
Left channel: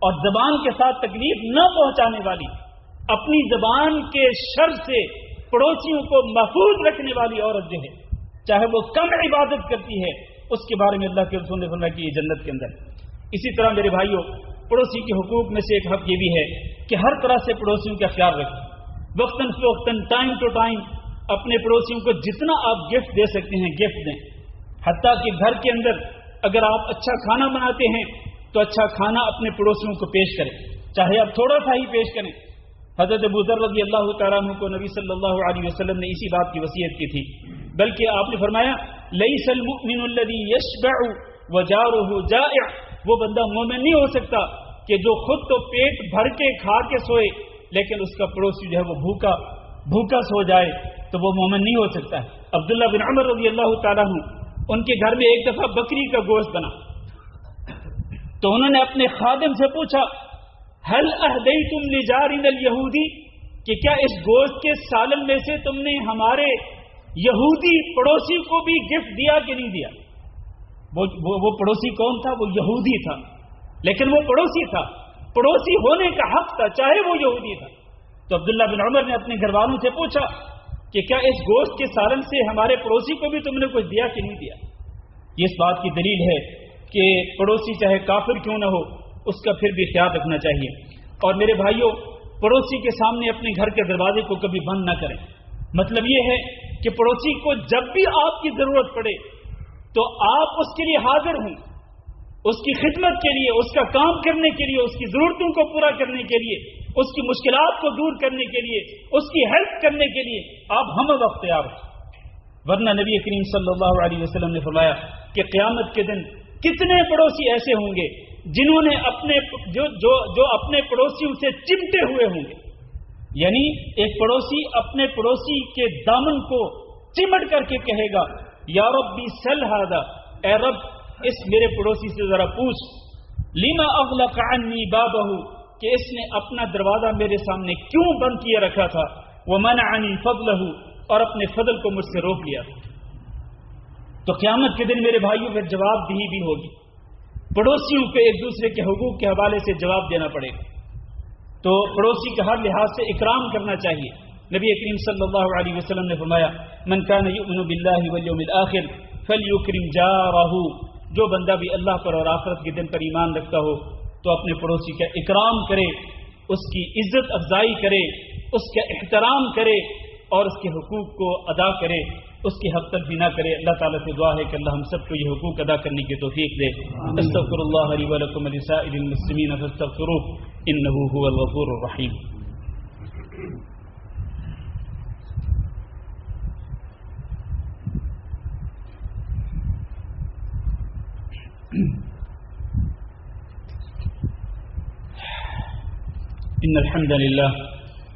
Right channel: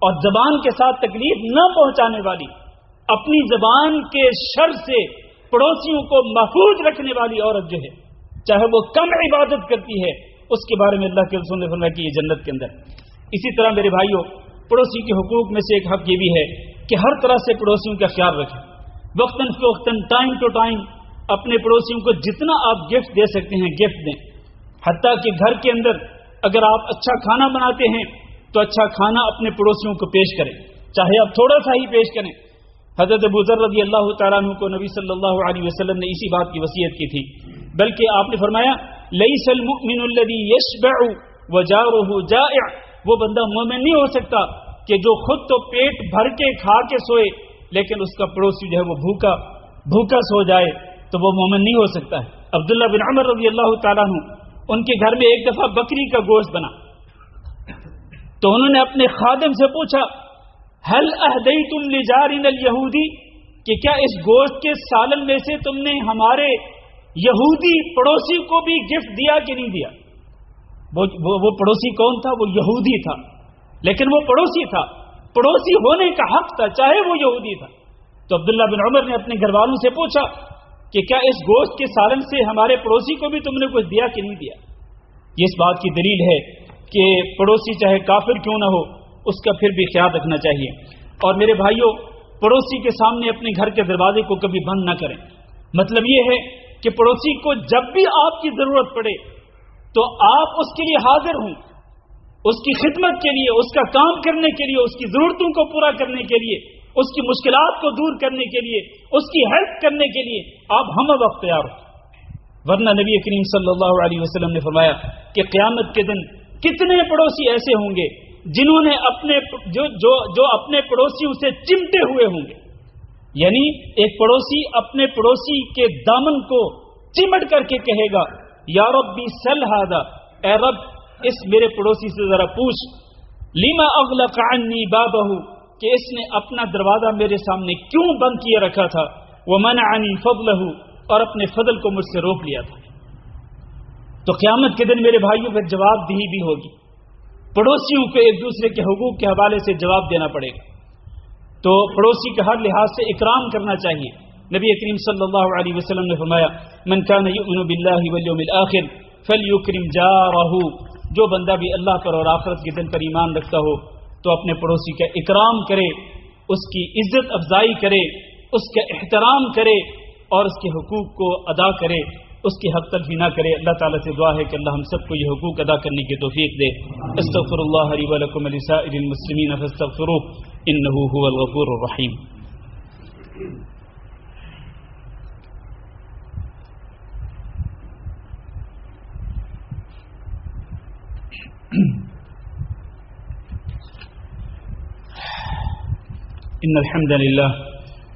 اور زبان کے ساتھ تکلیف نہ پہنچانے والی اپنی زبان کے شر سے پڑوسیوں کو محفوظ رکھنے والی عورت جو ہے، چاہے وہ کم عبادت کرتی ہے، اس کے بارے میں اللہ کے رسول نے فرمایا کہ یہ جنت کے اندر۔ اسی طرح میرے بھائیوں، پڑوسی کے حقوق میں سے ایک حق یہ بھی ہے کہ ہر طرح سے پڑوسیوں کا خیال رکھیں، وقتاً فوقتاً، ٹائم ٹو ٹائم اپنے پڑوسیوں کو جتنا آپ گفٹ دے سکتے ہیں گفٹ دیں، حتیٰ کہ گھر کے اندر اگر آپ اچھا کھانا بناتے ہیں تو اچھا کھانا اپنے پڑوسیوں کو پیش کریں، چاہے آپ تھوڑا سا ہی پیش کریں۔ حضرت ابو ذر رضی اللہ تعالیٰ عنہ کو نبی صلی اللہ علیہ وسلم نے اسی بات کی وصیت کی تھی، بلکہ آپ نے فرمایا لیس المؤمن الذی یشبع وجارہ جائع، وہ بندہ مومن نہیں ہو سکتا کہ جو خود تو پیٹ بھر کے کھا کے سوئے لیکن اس کا پڑوسی جو ہے وہ بھوکا سو جائے، تو وہ مومن نہیں ہو سکتا ہے۔ عبداللہ بن عمر رضی اللہ تعالیٰ عنہ، ان کے گھر میں ایک دفعہ بکری کا گوشت بنا، تو انہوں نے اپنے خادم سے پوچھا هل اهدیتم لجارنا الیہودی، کہ کیا اس گوشت کے سالن میں سے تم نے ہمارے یہودی پڑوسی کو بھی گفٹ دیا کہ نہیں دیا؟ وہ پڑوسی کون تھا؟ وہ یہودی تھا، لیکن وہ پڑوسی تھا، پڑوسی ہونے کا حق تھا چاہے وہ یہودی تھا۔ تو عبداللہ بن عمر نے اپنے گھر والوں سے پوچھا کہ کیا اس گوشت کے سالن سے ہمارے پڑوسی کو بھی تم نے کچھ دیا کہ نہیں دیا؟ یہ اس بات کی دلیل ہے کہ پڑوسی چاہے کافر کیوں نہ ہو اس کا پھر بھی خیال رکھنا چاہیے۔ اور میرے بھائیوں، پڑوسی کے سامنے اپنے گھر کے دروازے کو کبھی بند نہ کریں۔ مطلب یہ ہے کہ پڑوسی کو جب بھی آپ کی ضرورت پڑے تو آپ اس کے لیے حاضر ہوں، اس کی خدمت کے لیے، اس کا کام کرنے کے لیے، اس کی ضرورتوں کو پورا کرنے کے لیے، اس کی مشکلات کو دور کرنے کے لیے، اس کی ہیلپ کرنے کے لیے آپ ہم وقت تیار ہوں۔ ورنہ نبی کریم صلی اللہ علیہ وسلم نے فرمایا کہ قیامت کے دن کتنے پڑوسی ایسے ہوں گے جنہوں نے اپنے پڑوسیوں سے چمٹے ہوئے ہوں گے، یعنی ایک پڑوسی اپنے پڑوسی کے دامن کو چمٹ کر کے کہے گا یا ربی سل ھذا، اے رب اس میرے پڑوسی سے ذرا پوچھ، لما اغلق عنی بابہ، کہ اس نے اپنا دروازہ میرے سامنے کیوں بند کیے رکھا تھا، ومنعنی فضلہ، اور اپنے فضل کو مجھ سے روک لیا تھا۔ تو قیامت کے دن میرے بھائیوں پر جواب دہی بھی ہوگی، پڑوسیوں کو ایک دوسرے کے حقوق کے حوالے سے جواب دینا پڑے گا۔ تو پڑوسی کا ہر لحاظ سے اکرام کرنا چاہیے۔ نبی کریم صلی اللہ علیہ وسلم نے فرمایا من کان یؤمن باللہ والیوم الآخر فلیکرم جارہ، جو بندہ بھی اللہ پر اور آخرت کے دن پر ایمان رکھتا ہو تو اپنے پڑوسی کا اکرام کرے، اس کی عزت افزائی کرے، اس کا احترام کرے اور اس کے حقوق کو ادا کرے، اس کی حق تلفی نہ کرے۔ اللہ تعالیٰ سے دعا ہے کہ اللہ ہم سب کو یہ حقوق ادا کرنے کی توفیق دے۔ استغفر اللہ لی ولکم ولسائر المسلمین فاستغفروہ انہ هو الغفور الرحیم۔ ان الحمد للہ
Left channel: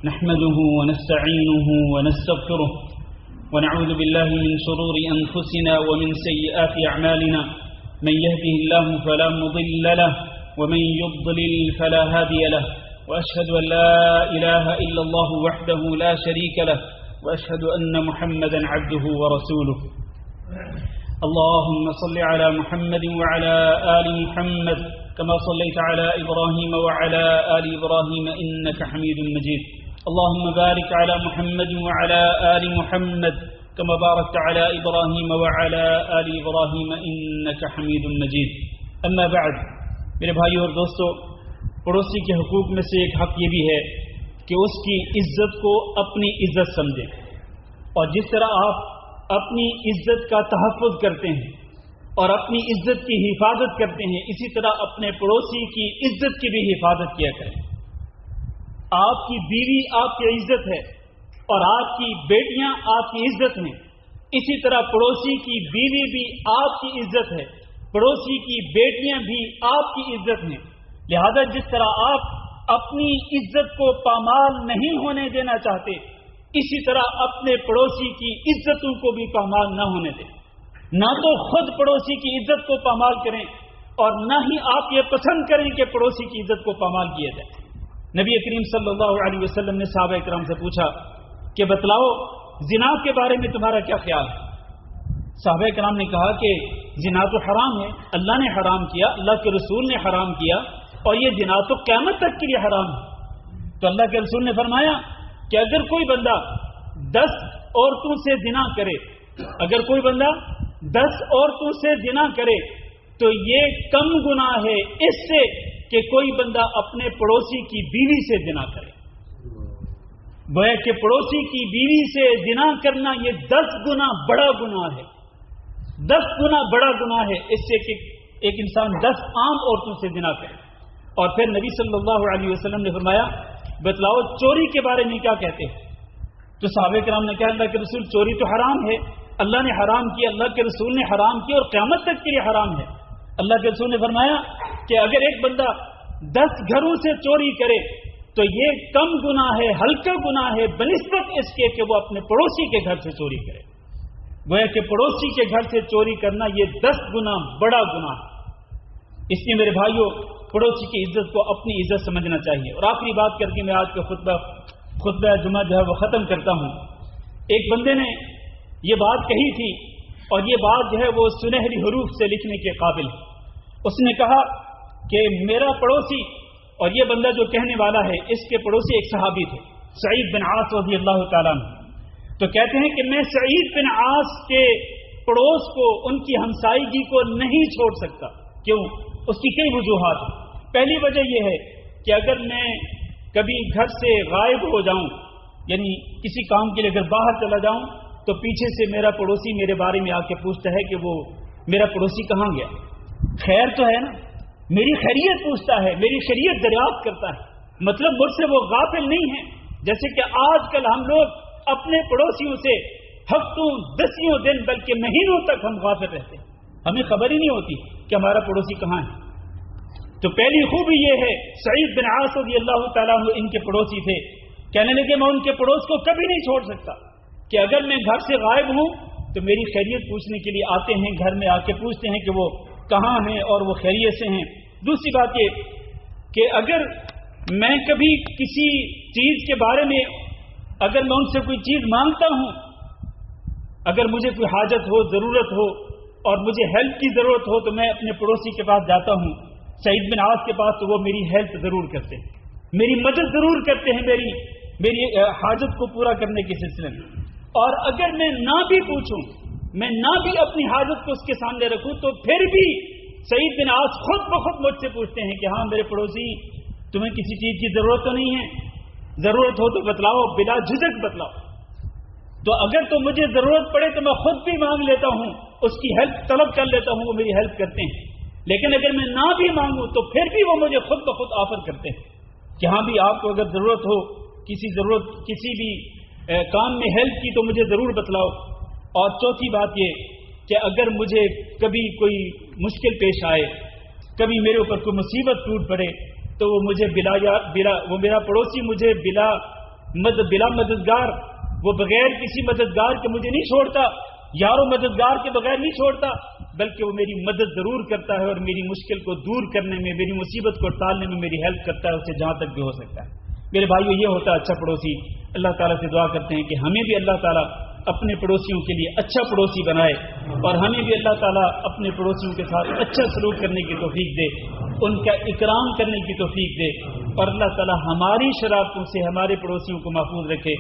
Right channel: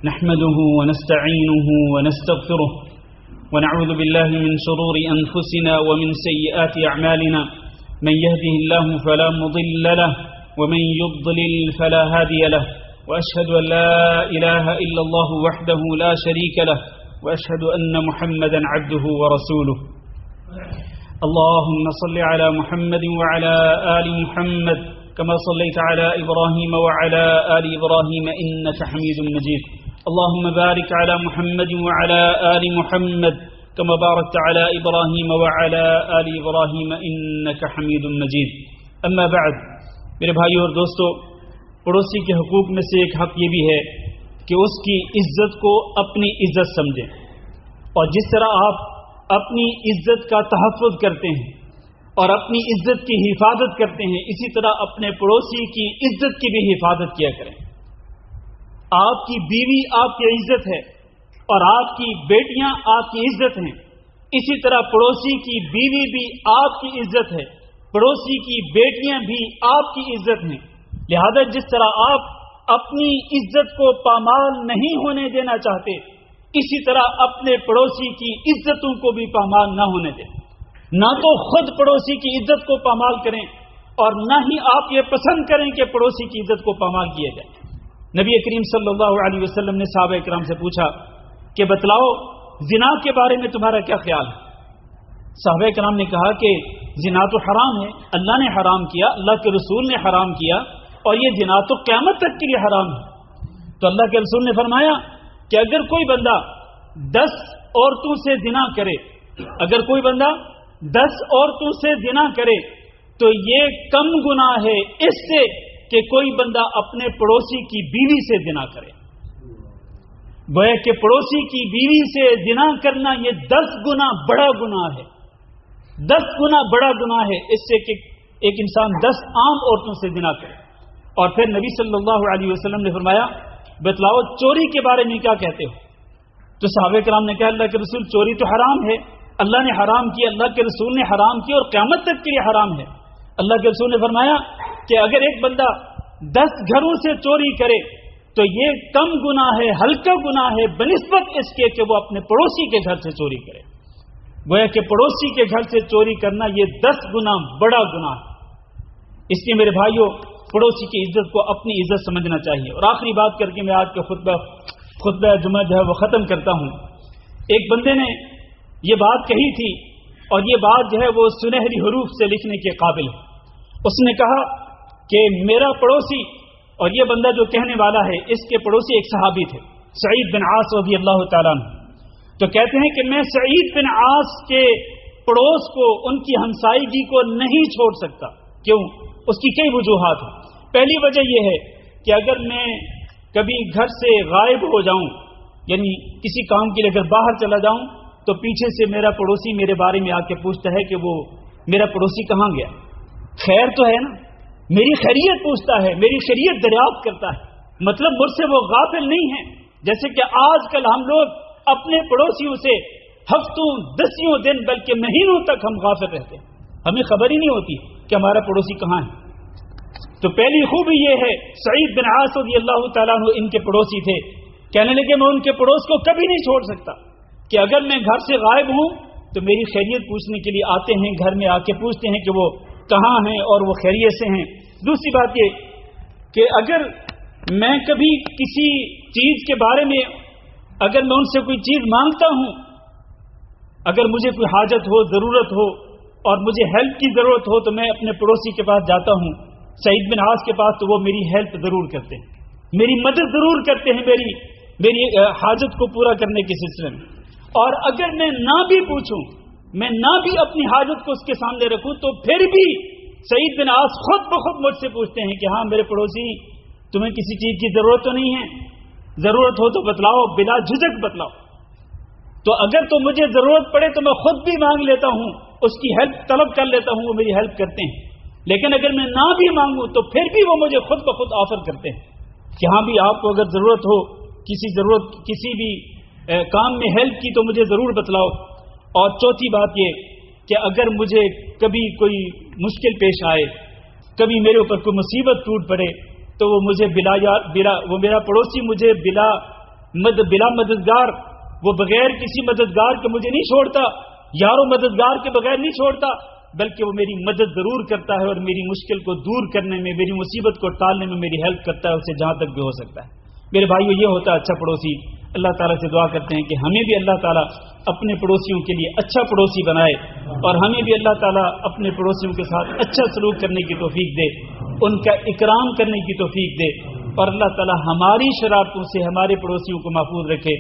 نحمده ونستعینه ونستغفره ونعوذ بالله من شرور أنفسنا ومن سيئات أعمالنا، من يهده الله فلا مضل له ومن يضلل فلا هادي له، وأشهد أن لا إله إلا الله وحده لا شريك له، وأشهد أن محمدا عبده ورسوله۔ اللهم صل على محمد وعلى آل محمد كما صليت على إبراهيم وعلى آل إبراهيم إنك حميد مجيد، اللهم بارك على محمد وعلى آل محمد كما باركت على إبراهيم وعلى آل إبراهيم إنك حميد مجيد۔ اما بعد، میرے بھائیو اور دوستو، پڑوسی کے حقوق میں سے ایک حق یہ بھی ہے کہ اس کی عزت کو اپنی عزت سمجھیں، اور جس طرح آپ اپنی عزت کا تحفظ کرتے ہیں اور اپنی عزت کی حفاظت کرتے ہیں، اسی طرح اپنے پڑوسی کی عزت کی بھی حفاظت کیا کریں۔ آپ کی بیوی آپ کی عزت ہے اور آپ کی بیٹیاں آپ کی عزت ہیں، اسی طرح پڑوسی کی بیوی بھی آپ کی عزت ہے، پڑوسی کی بیٹیاں بھی آپ کی عزت ہیں۔ لہذا جس طرح آپ اپنی عزت کو پامال نہیں ہونے دینا چاہتے، اسی طرح اپنے پڑوسی کی عزتوں کو بھی پامال نہ ہونے دیں۔ نہ تو خود پڑوسی کی عزت کو پامال کریں اور نہ ہی آپ یہ پسند کریں کہ پڑوسی کی عزت کو پامال کیا جائے۔ نبی کریم صلی اللہ علیہ وسلم نے صحابہ کرام سے پوچھا کہ بتلاؤ زنا کے بارے میں تمہارا کیا خیال ہے؟ صحابہ کرام نے کہا کہ زنا تو حرام ہے، اللہ نے حرام کیا، اللہ کے رسول نے حرام کیا، اور یہ زنا تو قیامت تک کے لیے حرام ہے۔ تو اللہ کے رسول نے فرمایا کہ اگر کوئی بندہ 10 عورتوں سے زنا کرے، اگر کوئی بندہ 10 عورتوں سے زنا کرے تو یہ کم گناہ ہے اس سے کہ کوئی بندہ اپنے پڑوسی کی بیوی سے زنا کرے۔ گویا کہ پڑوسی کی بیوی سے زنا کرنا یہ 10 گنا بڑا گناہ ہے، 10 گنا بڑا گناہ ہے اس سے کہ ایک انسان 10 عام عورتوں سے زنا کرے۔ اور پھر نبی صلی اللہ علیہ وسلم نے فرمایا بتلاؤ چوری کے بارے میں کیا کہتے ہو؟ تو صحابہ کرام نے کہا اللہ کے رسول چوری تو حرام ہے، اللہ نے حرام کیا، اللہ کے رسول نے حرام کیا اور قیامت تک کے لیے حرام ہے۔ اللہ کے رسول نے فرمایا کہ اگر ایک بندہ 10 گھروں سے چوری کرے تو یہ کم گناہ ہے، ہلکا گناہ ہے بنسبت اس کے کہ وہ اپنے پڑوسی کے گھر سے چوری کرے۔ گویا کہ پڑوسی کے گھر سے چوری کرنا یہ 10 گنا بڑا گناہ ہے۔ اس لیے میرے بھائیوں پڑوسی کی عزت کو اپنی عزت سمجھنا چاہیے. اور آخری بات کر کے میں آج کا خطبہ جمعہ جو ہے وہ ختم کرتا ہوں. ایک بندے نے یہ بات کہی تھی اور یہ بات جو ہے وہ سنہری حروف سے لکھنے کے قابل ہے. اس نے کہا کہ میرا پڑوسی، اور یہ بندہ جو کہنے والا ہے اس کے پڑوسی ایک صحابی تھے، سعید بن عاص رضی اللہ تعالیٰ عنہ. تو کہتے ہیں کہ میں سعید بن عاص کے پڑوس کو، ان کی ہمسائیگی کو نہیں چھوڑ سکتا. کیوں؟ اس کی کئی وجوہات ہیں. پہلی وجہ یہ ہے کہ اگر میں کبھی گھر سے غائب ہو جاؤں، یعنی کسی کام کے لیے اگر باہر چلا جاؤں، تو پیچھے سے میرا پڑوسی میرے بارے میں آ کے پوچھتا ہے کہ وہ میرا پڑوسی کہاں گیا. خیر تو ہے نا، میری خیریت پوچھتا ہے، میری خیریت دریافت کرتا ہے. مطلب مجھ سے وہ غافل نہیں ہے. جیسے کہ آج کل ہم لوگ اپنے پڑوسیوں سے ہفتوں، دسیوں دن، بلکہ مہینوں تک ہم غافل رہتے ہیں. ہمیں خبر ہی نہیں ہوتی کہ ہمارا پڑوسی کہاں ہے. تو پہلی خوبی یہ ہے، سعید بن عاص رضی اللہ تعالیٰ عنہ ان کے پڑوسی تھے. کہنے لگے میں ان کے پڑوس کو کبھی نہیں چھوڑ سکتا کہ اگر میں گھر سے غائب ہوں تو میری خیریت پوچھنے کے لیے آتے ہیں، گھر میں آ کے پوچھتے ہیں کہ وہ کہاں ہیں اور وہ خیریت سے ہیں. دوسری بات یہ کہ اگر میں کبھی کسی چیز کے بارے میں، اگر میں ان سے کوئی چیز مانگتا ہوں، اگر مجھے کوئی حاجت ہو، ضرورت ہو اور مجھے ہیلپ کی ضرورت ہو، تو میں اپنے پڑوسی کے پاس جاتا ہوں، سعید بن عاص کے پاس. تو وہ میری ہیلپ ضرور کرتے ہیں، میری مدد ضرور کرتے ہیں میری حاجت کو پورا کرنے کے سلسلے میں. اور اگر میں نہ بھی پوچھوں، میں نہ بھی اپنی حاجت کو اس کے سامنے رکھوں، تو پھر بھی سعید بن عاص خود بخود مجھ سے پوچھتے ہیں کہ ہاں میرے پڑوسی، تمہیں کسی چیز کی ضرورت تو نہیں ہے؟ ضرورت ہو تو بتلاؤ، بلا جھجک بتلاؤ. تو اگر تو مجھے ضرورت پڑے تو میں خود بھی مانگ لیتا ہوں، اس کی ہیلپ طلب کر لیتا ہوں، وہ میری ہیلپ کرتے ہیں. لیکن اگر میں نہ بھی مانگوں تو پھر بھی وہ مجھے خود بخود آفر کرتے ہیں کہ ہاں بھی آپ کو اگر ضرورت ہو، کسی بھی کام میں ہیلپ کی تو مجھے ضرور بتلاؤ. اور چوتھی بات یہ کہ اگر مجھے کبھی کوئی مشکل پیش آئے، کبھی میرے اوپر کوئی مصیبت ٹوٹ پڑے، تو وہ مجھے وہ میرا پڑوسی مجھے بلا مددگار، وہ بغیر کسی مددگار کے مجھے نہیں چھوڑتا، یارو مددگار کے بغیر نہیں چھوڑتا، بلکہ وہ میری مدد ضرور کرتا ہے اور میری مشکل کو دور کرنے میں، میری مصیبت کو ٹالنے میں میری ہیلپ کرتا ہے، اسے جہاں تک بھی ہو سکتا ہے. میرے بھائیو، یہ ہوتا ہے اچھا پڑوسی. اللہ تعالیٰ سے دعا کرتے ہیں کہ ہمیں بھی اللہ تعالیٰ اپنے پڑوسیوں کے لیے اچھا پڑوسی بنائے، اور ہمیں بھی اللہ تعالیٰ اپنے پڑوسیوں کے ساتھ اچھا سلوک کرنے کی توفیق دے، ان کا اکرام کرنے کی توفیق دے، اور اللہ تعالیٰ ہماری شرارتوں سے ہمارے پڑوسیوں کو محفوظ رکھے.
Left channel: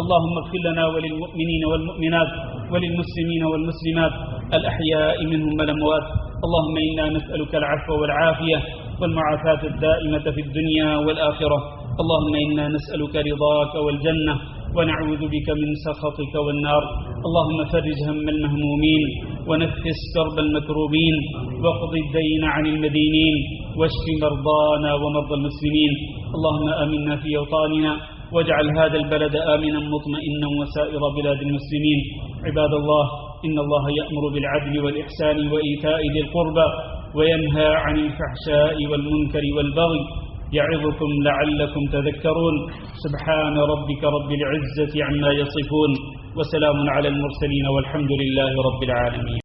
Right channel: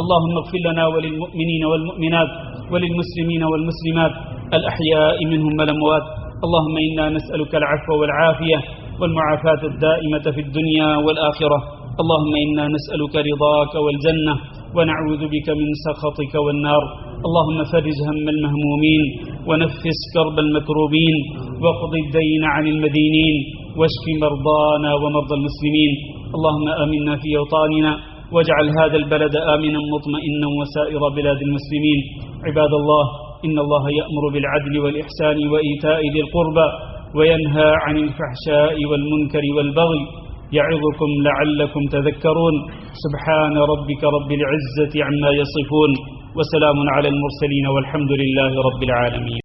اللہم اغفر لنا وللمؤمنین والمؤمنات وللمسلمین والمسلمات الأحياء منهم والأموات. اللهم إنا نسألك العفو والعافية والمعافاة الدائمة في الدنيا والآخرة. اللهم إنا نسألك رضاك والجنة ونعوذ بك من سخطك والنار. اللهم فرج هم المهمومين ونفس كرب المكروبين واقض الدين عن المدينين واشف مرضانا ومرضى المسلمين. اللهم آمنا في أوطاننا واجعل هذا البلد آمنا مطمئنا وسائر بلاد المسلمين. عباد الله، إن الله يأمر بالعدل والإحسان وإيتاء ذي القربى وينهى عن الفحشاء والمنكر والبغي يعظكم لعلكم تذكرون. سبحان ربك رب العزة عما يصفون وسلام على المرسلين والحمد لله رب العالمين.